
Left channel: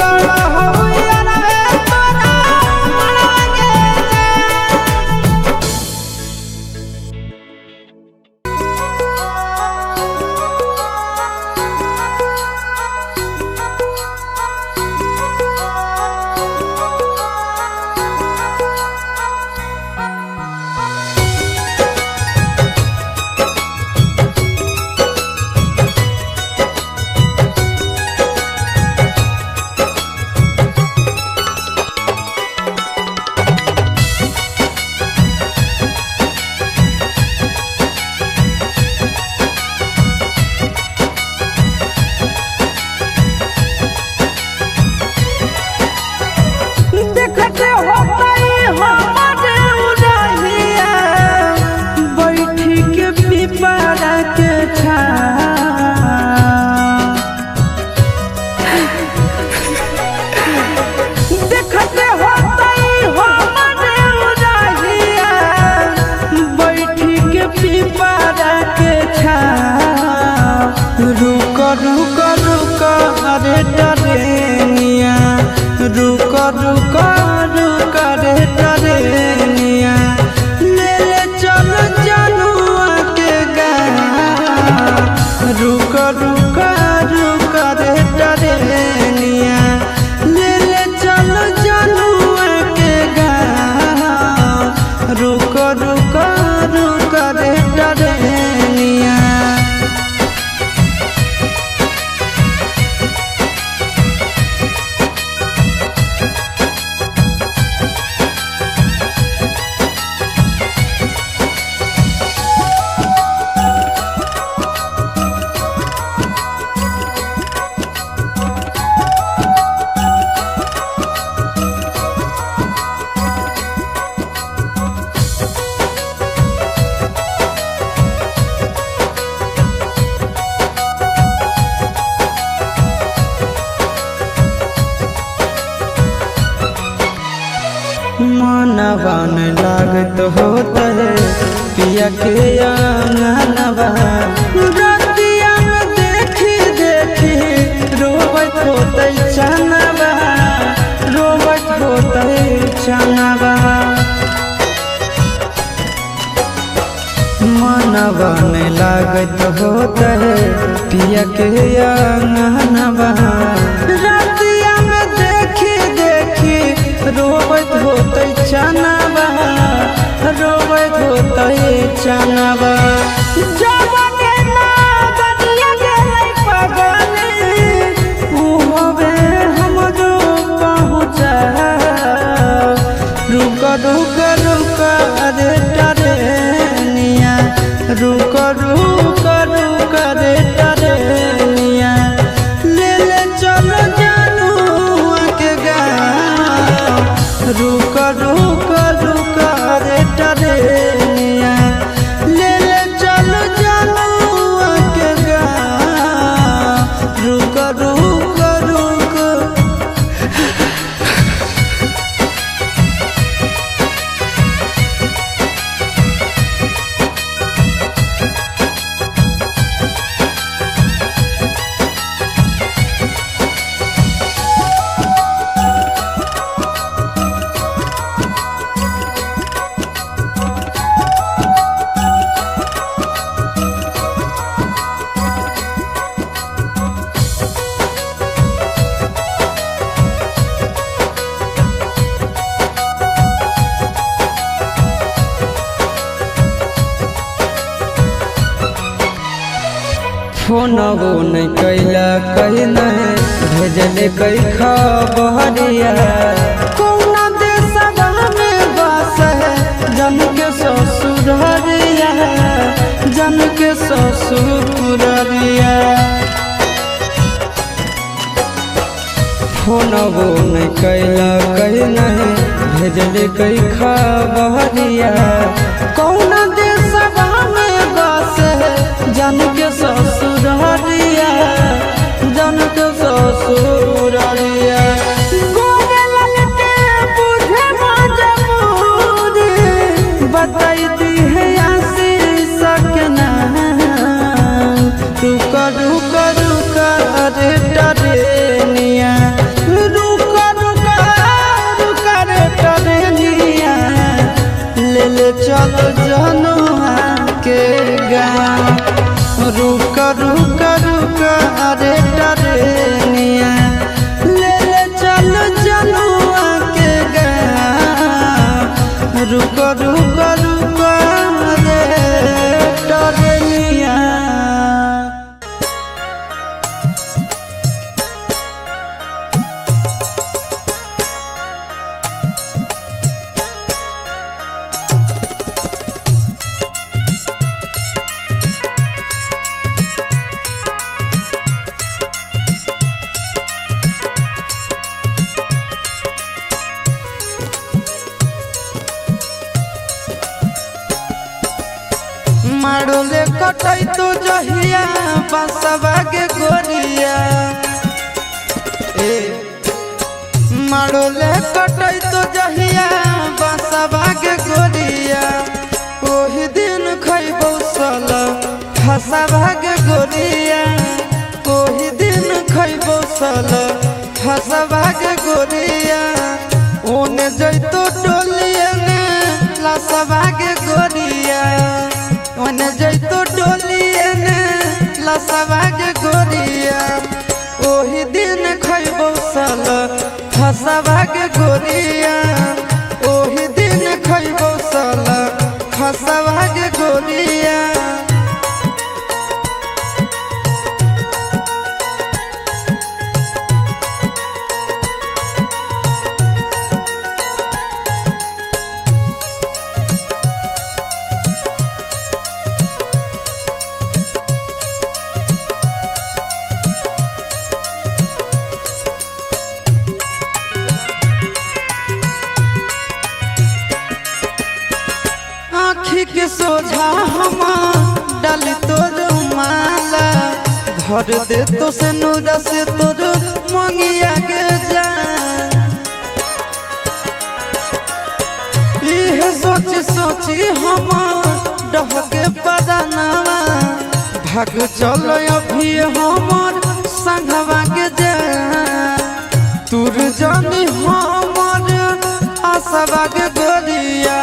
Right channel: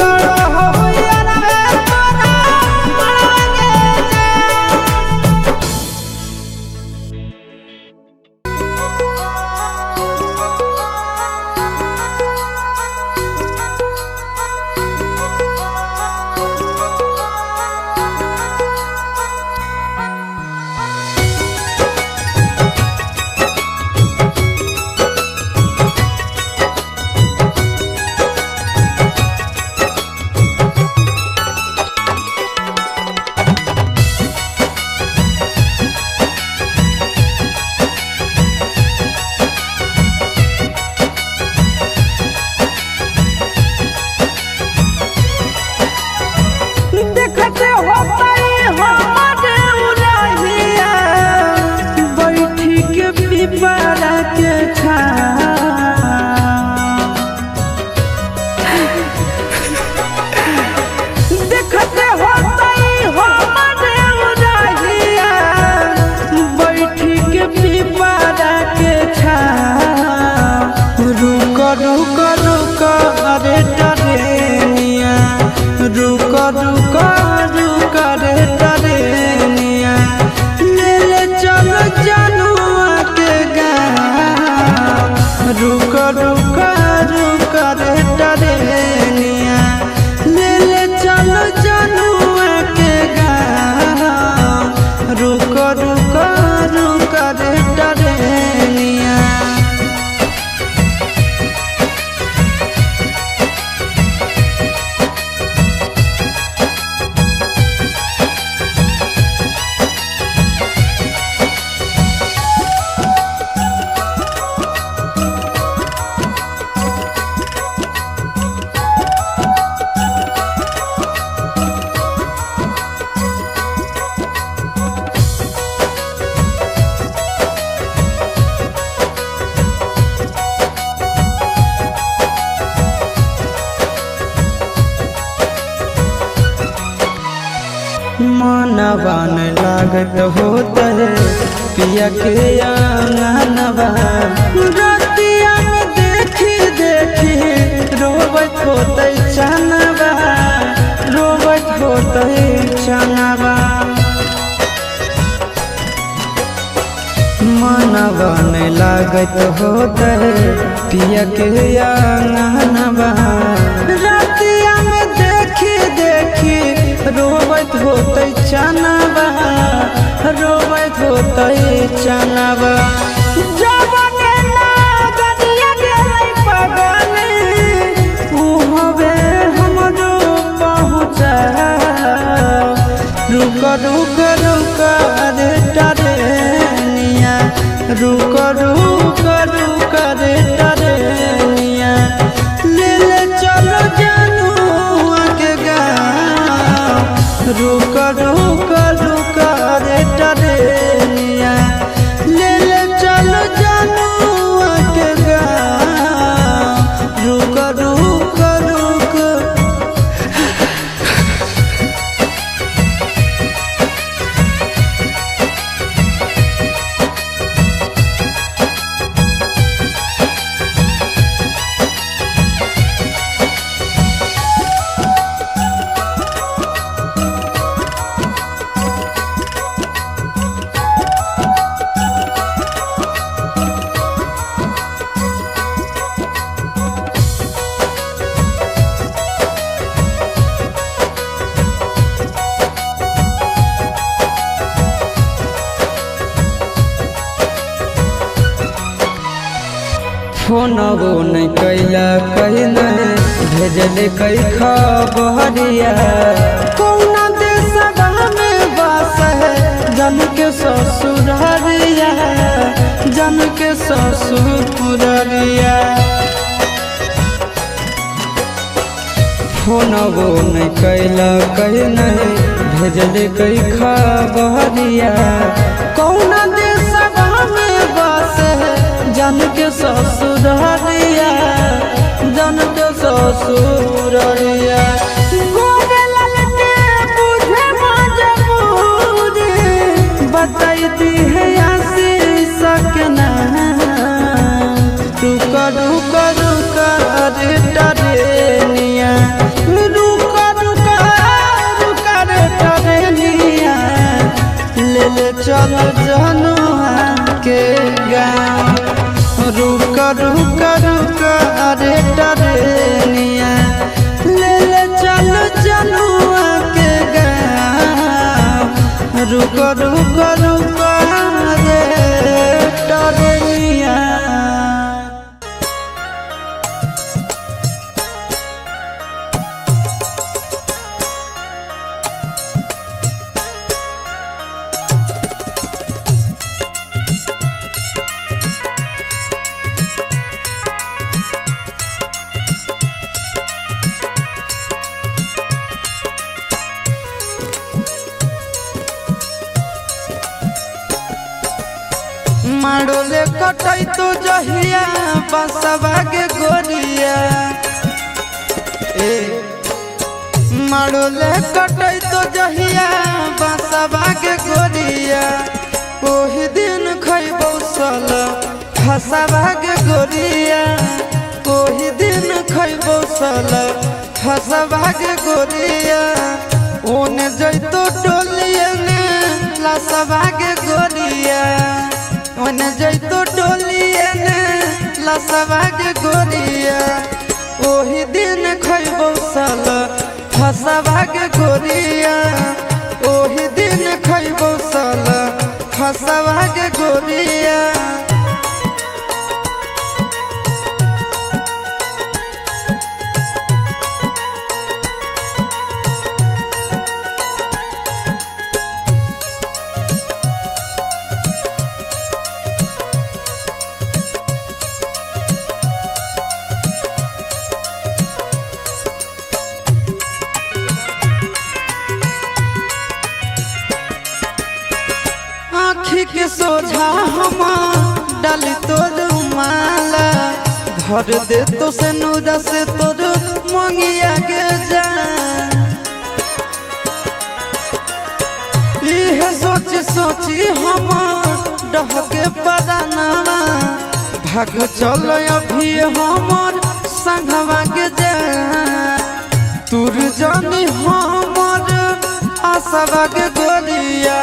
गड़ा हो यारवे तोरा मड़ागे जा। देखते होतई हमरे उरहिया बैठी के पिपरा के छाव देखते होतई हमरे उरहिया बैठी के पिपरा के छाव रुक रुक रुक अरे टरेनिया रुक रुक रुक रे टरेनिया ले ले चल जनुआ के गाँव रुक रुक रुक रे टरेनिया ले ले चल जनुआ के गाँव रुक रुक रुक रे टरेनिया। मनवा न लागत होता है पिया के आंगनवा रतिया में देखी देखी रोबत होते चनवा रोबत होते चनवा मनवा न लागत होता है पिया के आंगनवा रतिया में देखी देखी रोबत होते चनवा रोबत होते चनवा जबने ना गदिया गेलै पगले उ हवे हमरो पहुँचा रुक रुक रुक रे टरेनिया रुक रुक रुक रे टरेनिया ले ले चलो जनुआ के गाँव रुक रुक रुक रे टरेनिया ले ले चलो जनुआ के गाँव रुक रुक रुक। फोनवो नहीं कैला कहीं नहीं भेजले कई खबरिया कौना देशवा में बस है जन के ससुररिया जन के ससुररिया फोनवो नहीं कैला कहीं नहीं भेजले कई खबरिया कौना देशवा में बस है जन के ससुररिया जन के ससुररिया गोरे लाल बताई दी है आशीष के नाम। रुक रुक रुक रे टरेनिया, रुक रुक रुक रे टरेनिया, ले ले चल जनुआ के गाँव। रुक रुक रुक रे टरेनिया, ले ले चल जनुआ के गाँव। रुक रुक रुक रे टरेनिया। माड़ोले कटई तो जहिया बसवा के गोरिया, माड़ोले कटई तो जहिया बसवा के गोरिया। ओही दिन खैबौ सल फसवा के गोरिया, ओही दिन खैबौ सल फसवा के गोरिया। ओने जैतो डोलिया ने लसवा के गोरिया, ओने जैतो डोलिया ने लसवा के गोरिया। ओही दिन खैबौ सल फसवा के गोरिया, ओही दिन खैबौ सल फसवा के गोरिया। आँखी के सोझा हम डाली तोर माला, भर दे तो से नूरा से तोर मंगिया के जान। यह सोची सोची हम डहके परानावा, भाग चल अभी हमर संघवा के जान। तुर जानी हमर आसवा के गोरिया,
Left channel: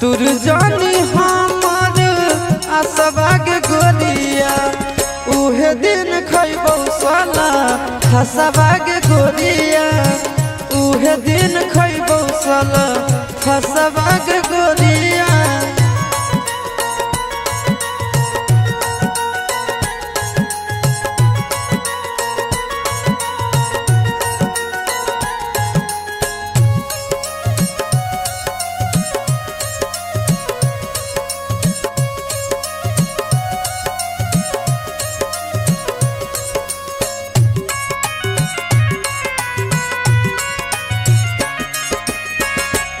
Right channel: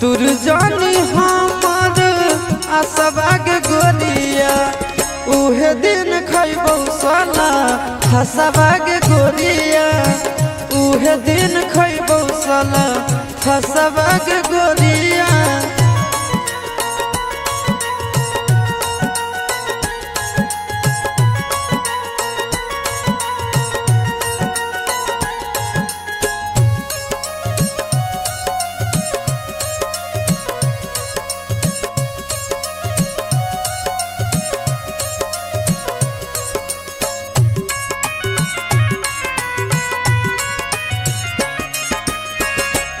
तुर जानी हमर आसवा के गोरिया। उहे दिन खैबौ साला फसवा के गोरिया, उहे दिन खैबौ साला फसवा के गोरिया।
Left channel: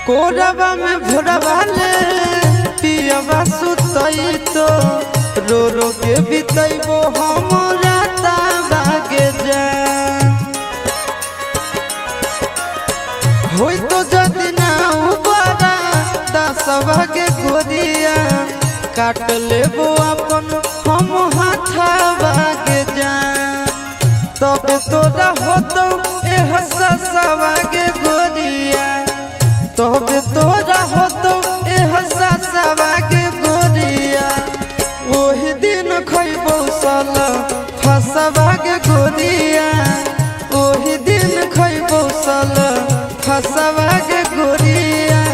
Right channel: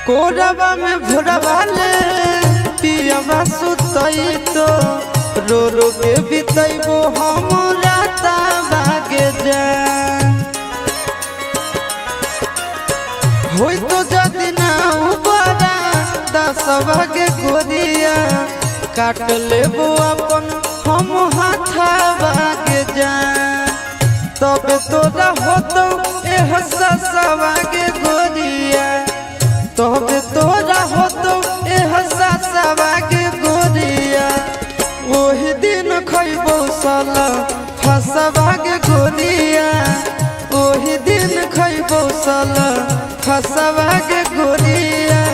कोरबा में भोरबा ले पियबा सुतई तो, रो रो के बितैबो हम राता बागे जान। होई तो जदि ना उबारा दसवा के गोरिया, काट लेबो अपन हम हाथवा के जान। तबे तोरा होतो एह ससवा के गोरिया, तबे तोरा होतो एह ससवा के गोरिया। ओही दिन खैबौ सल फसवा के गोरिया, ओही दिन खैबौ सल फसवा के गोरिया।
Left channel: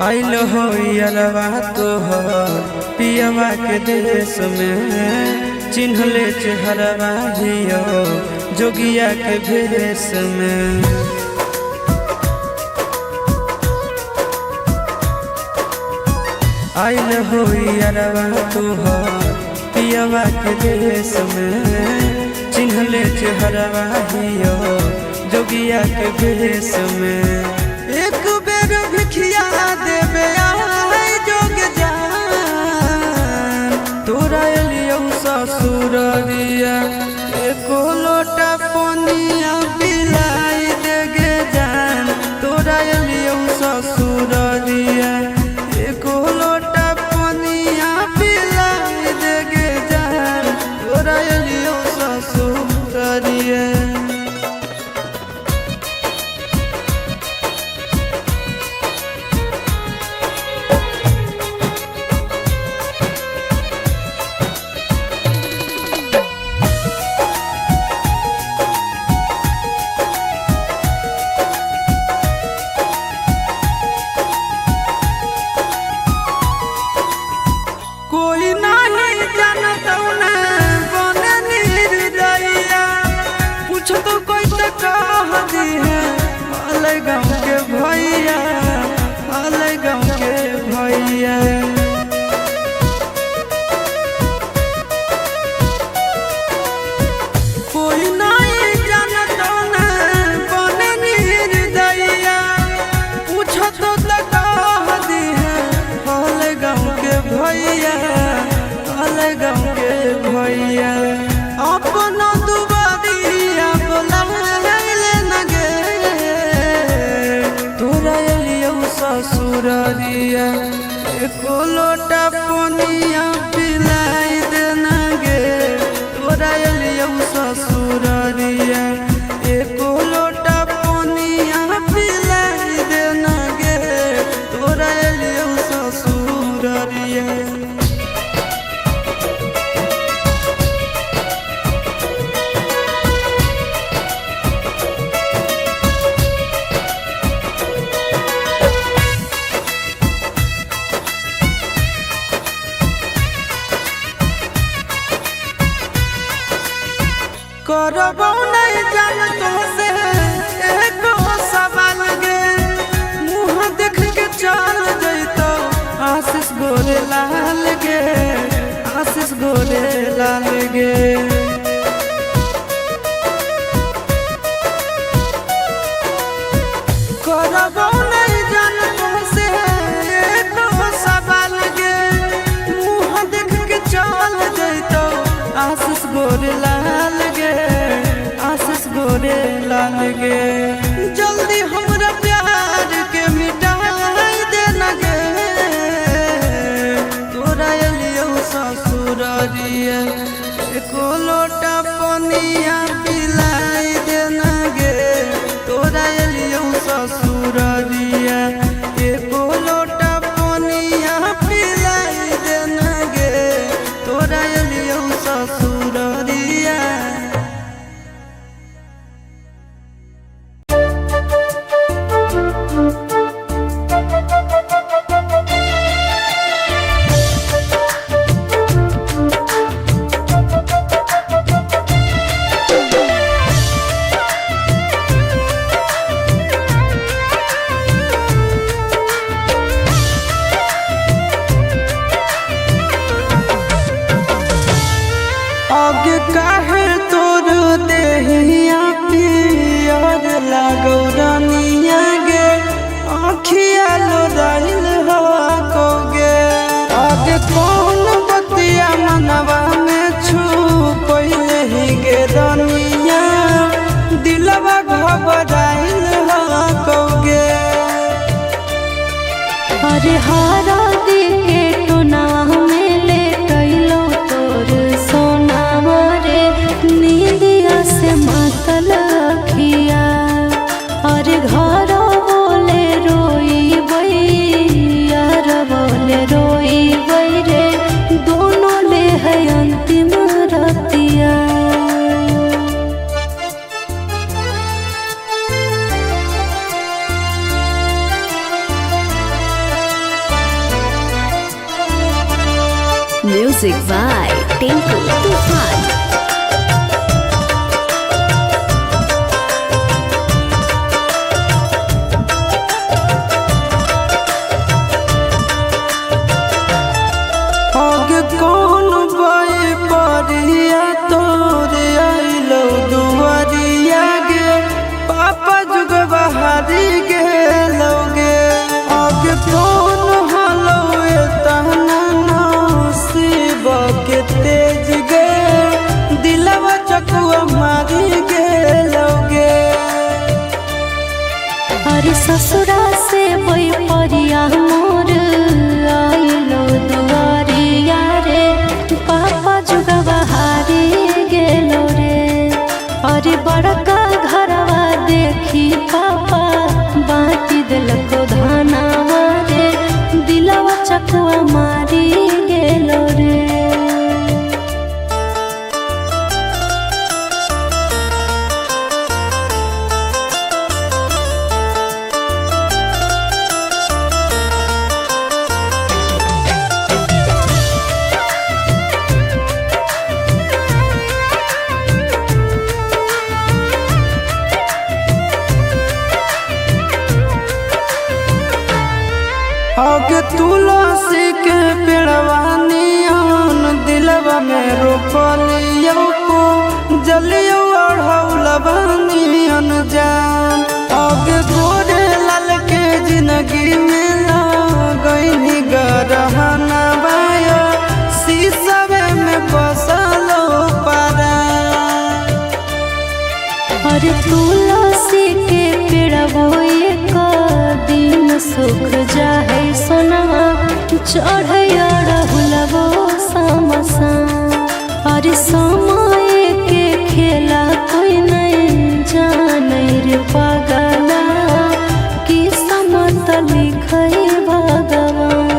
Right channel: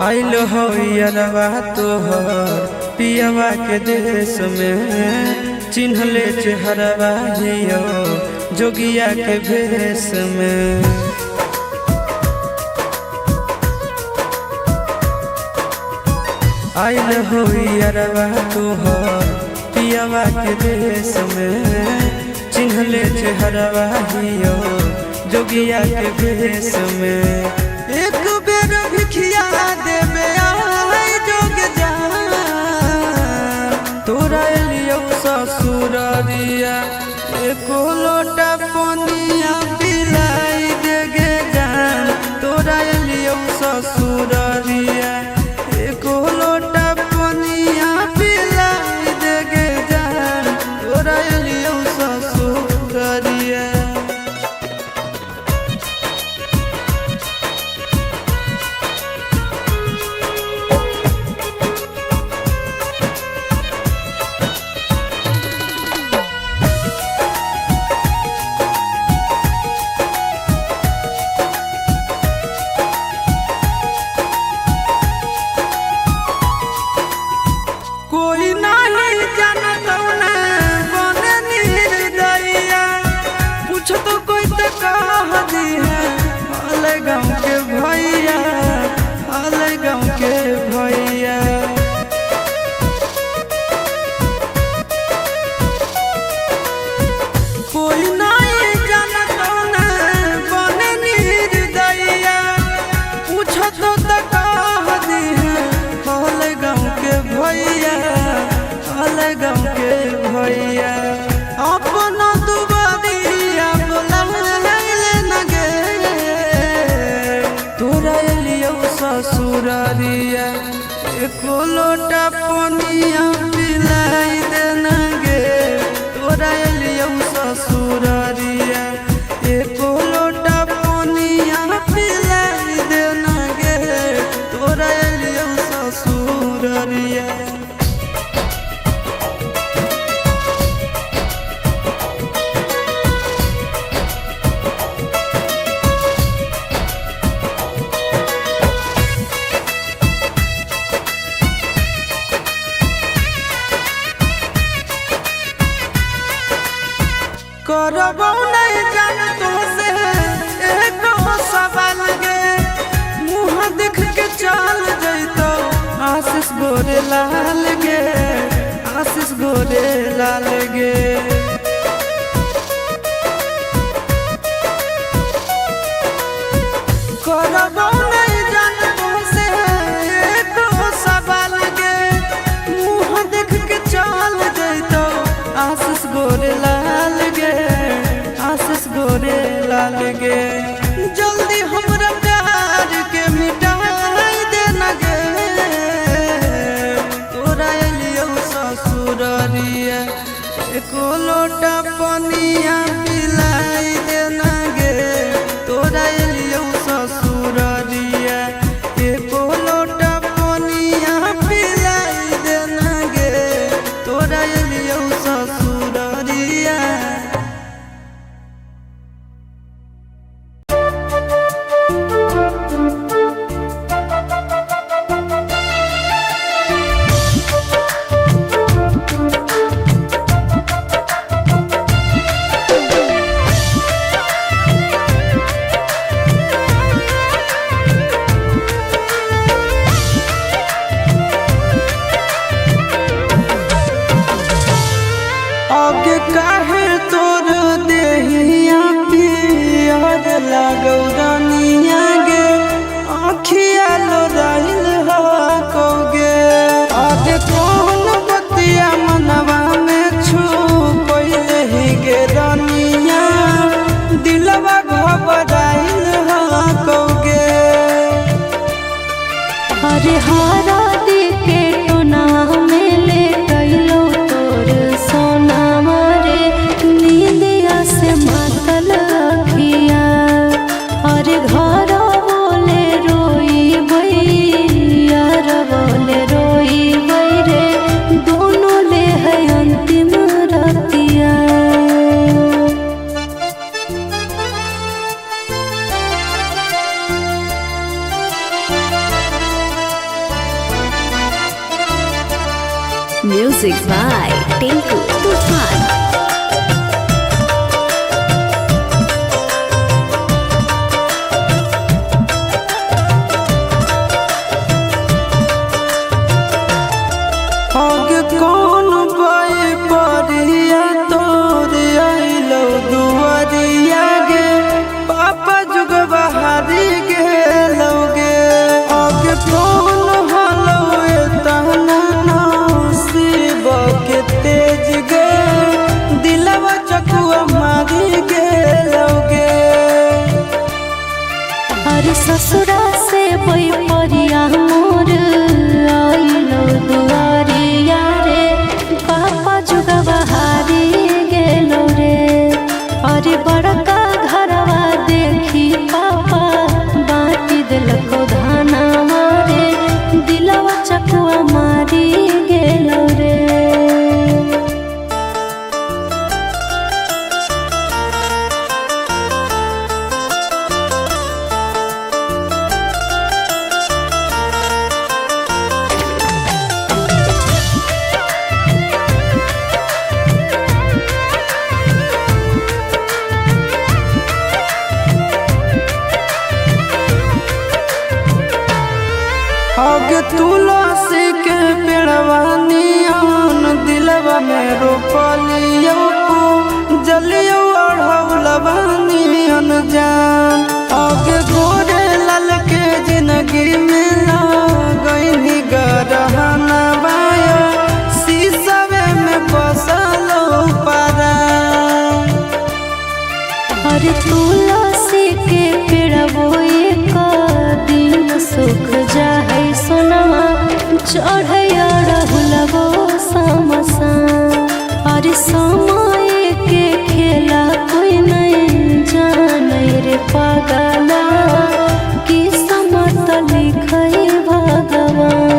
आइलो हो यरवा तोहर पियवा के देश में, चिन्हले चेहरवा हियो जोगिया के भेष में। आइल होई अरवा तोहर पियवा के देश में, चिन्हले चेहरवा हियो जोगिया के भेष में। एक बेर भिखिया देवे आए जोग जान, तोरा एलियो ससुररिया एको लोटा पनिया पिलाई देगे जान। तोरा एलियो ससुररिया एको लोटा पनिया पिलाई देगे जान। तोरा एलियो ससुररिया कोई नहीं जानता न बने निर्दयिया, पूछ तो कोई तो कह दी है हाल गाँव के भैया, हाल गाँव के भैया। कोई नहीं जानता न बने निर्दयिया, पूछ तो कह दी है हाल गाँव के भैया, हाल गाँव के भैया। अपना दुबारिया बोलाइले न गे, तोरा एलियो ससुररिया एको लोटा पनिया पिलाई दे न गे। तोरा एलियो ससुररिया एको लोटा पनिया पिलाई दे न गे। तोरा एलियो ससुररिया करबो नहीं जान तो से एको सवाल गे, मुँह देख के चल जैतो आशीष गोरे लाल गे, आशीष गोरे लाल गे। करबो नहीं जान तो से एको सवाल गे, मुँह देख के चल जैतो आशीष गोरे लाल गे, आशीष गोरे लाल गे। जल्दी हमरा प्यार के मिटाई दे न गे, तोरा एलियो ससुररिया एको लोटा पनिया पिलाई दे न गे। तोरा एलियो ससुररिया एको लोटा पनिया पिलाई दे न गे। तोरा एलियो ससुररिया आगे काहे तोर देहिया पियर लागौ रानिया गे, आँखिया लोराइल हवा कौगे। आगे कौन बतिया मनवा में छू पहिले ही गे रानिया, दिलवा घबराइल हवा कौगे। अरे हारा दी के टोना में ले कैलो तोर सोना मारे, नींदिया से मातल अखिया। अरे घर बोले रोई बैर बोले रोई बैरे, दोनों ले है अंतिम रतिया। Music by Tinku Tufan. गे। अरे ससुरा से बई परिया मोर आइलो दुआरिया रे, पापा जुगवा हारी गेलो रे। अरे बड़का घरवा देखी पापा बाटी दिलको धाना मारे, दिलवा चकुआ मारी गेलो रे। आगे तुलसी के पेड़वा नियन दिलवा में रोपलियो को जलियो अढ़ौलवा नियन जान। आगे गोरे लाल के जिंदगी में लगनी गरहना बायो, शीशवे में बसलो पारा। अरे तुलसी के पेड़वो एक दिन सुख जाहे सोनवा, चढ़े अड़हुलवो समसा। अरे समय के खेला कोई नहीं जाने रे पागला, किस्मत लिखे भगवान।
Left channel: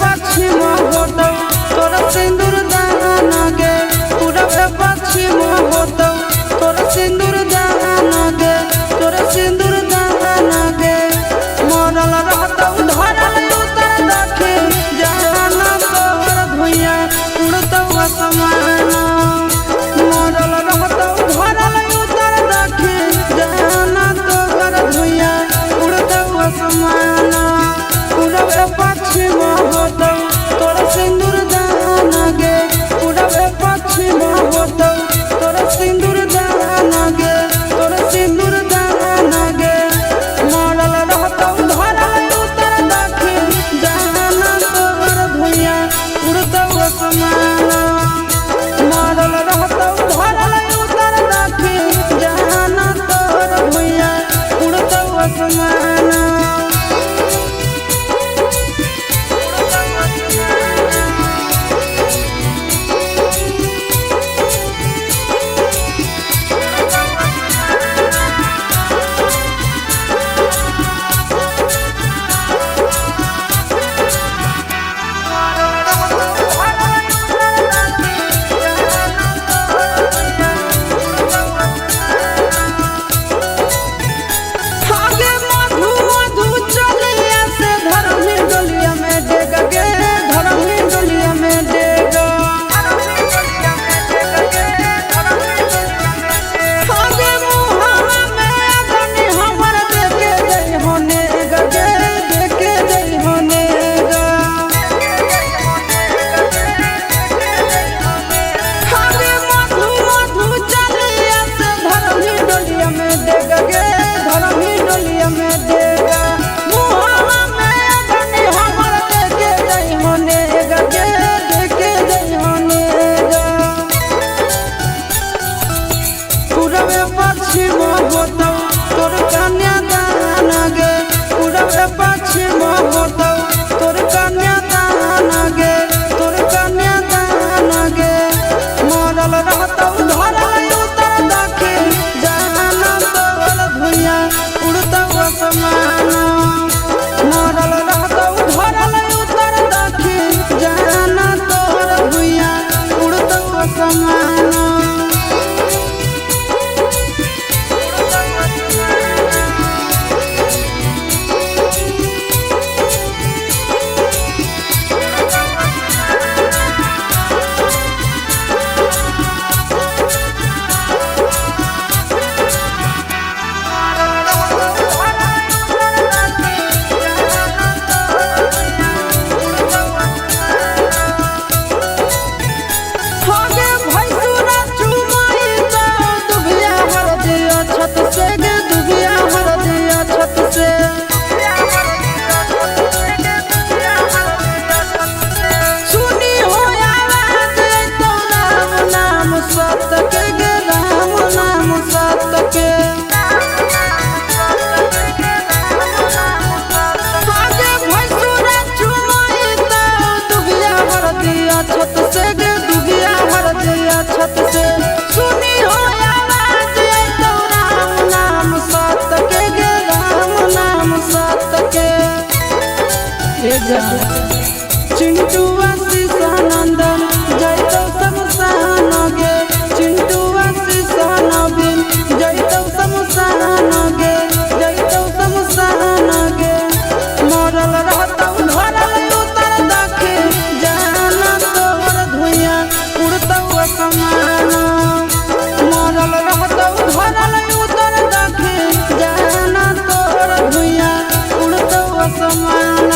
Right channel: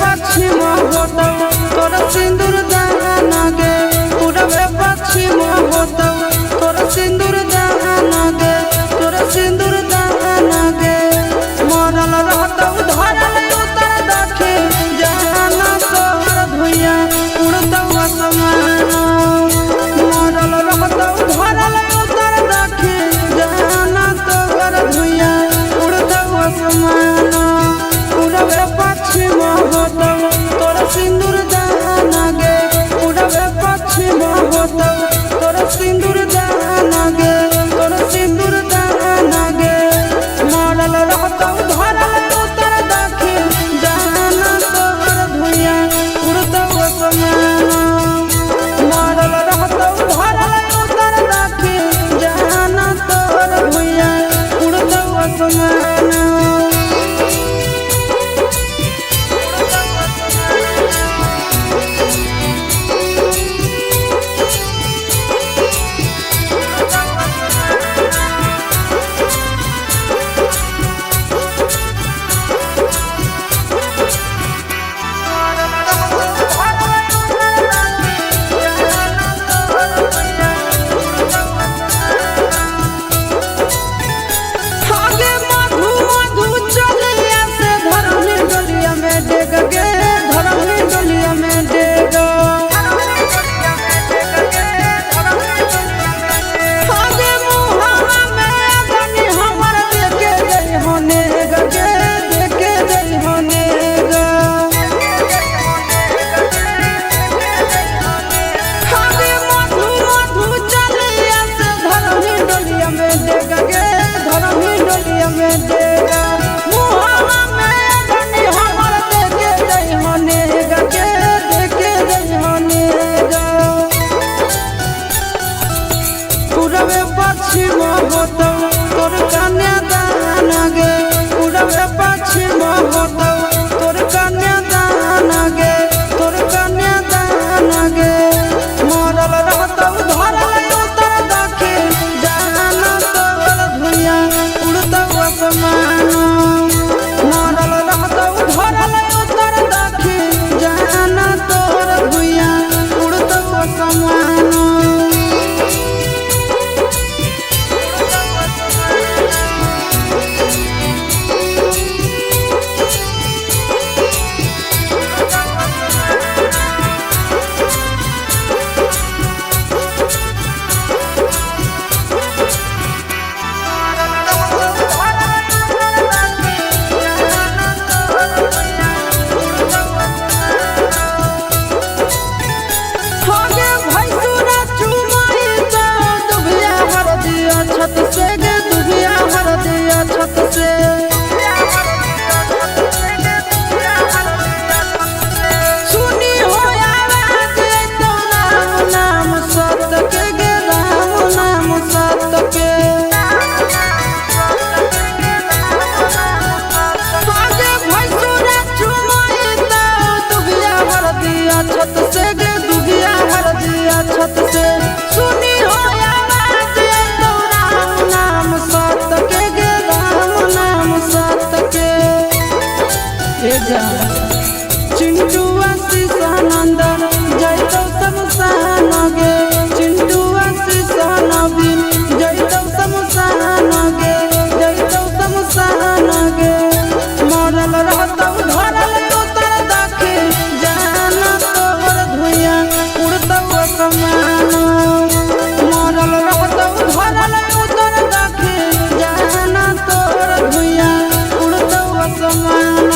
पश्चिम होतौ तोर सिंदूर दान गे, पूरब पश्चिम होतौ तोर सिंदूर दान गे, तोर सिंदूर दान गे। मरल रहतौ धरल उतर दक्षिण, जाना तोहर धुइया उड़तौ आसमान। मरल रहतौ धरल उतर दक्षिण, जाना तोहर धुइया उड़तौ आसमान। पूरब पश्चिम होतौ तोर सिंदूर दान गे, पूरब पश्चिम होतौ तोर सिंदूर दान गे, तोर सिंदूर दान गे। मरल रहतौ धरल उतर दक्षिण, जाना तोहर धुइया उड़तौ आसमान। मरल रहतौ धरल उतर दक्षिण, जाना तोहर धुइया उड़तौ आसमान। पश्चिम होतौ तोर कन्या दान गे, पूरब पश्चिम होतौ तोर कन्या दान गे, तोर कन्या दान गे। मरल रहतौ धरल उतर दक्षिण, जाना तोहर धुइया उड़तौ आसमान। मरल रहतौ धरल उतर दक्षिण, जाना तोहर धुइया उड़तौ आसमान। जा चिंटुआ शीशानंदन जैतो शमशान गे चिंटुआ शीशान बिन जैतो शमशान गे जैतो शमशान गे मरल रहतौ धरल उतर दखे जाना तोहर धुइया उड़तौ असमान मरल रहतौ धरल उतर दखे जाना तोहर धुइया उड़तौ असमान।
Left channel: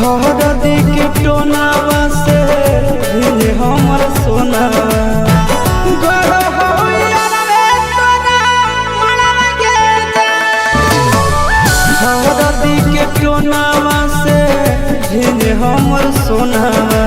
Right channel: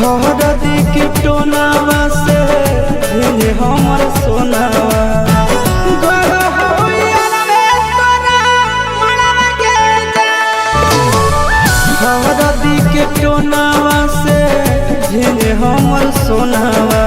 हरदी के टोनावा से भिन हमर सोनावा हरदी के टोनावा से भिन हमर सोनावा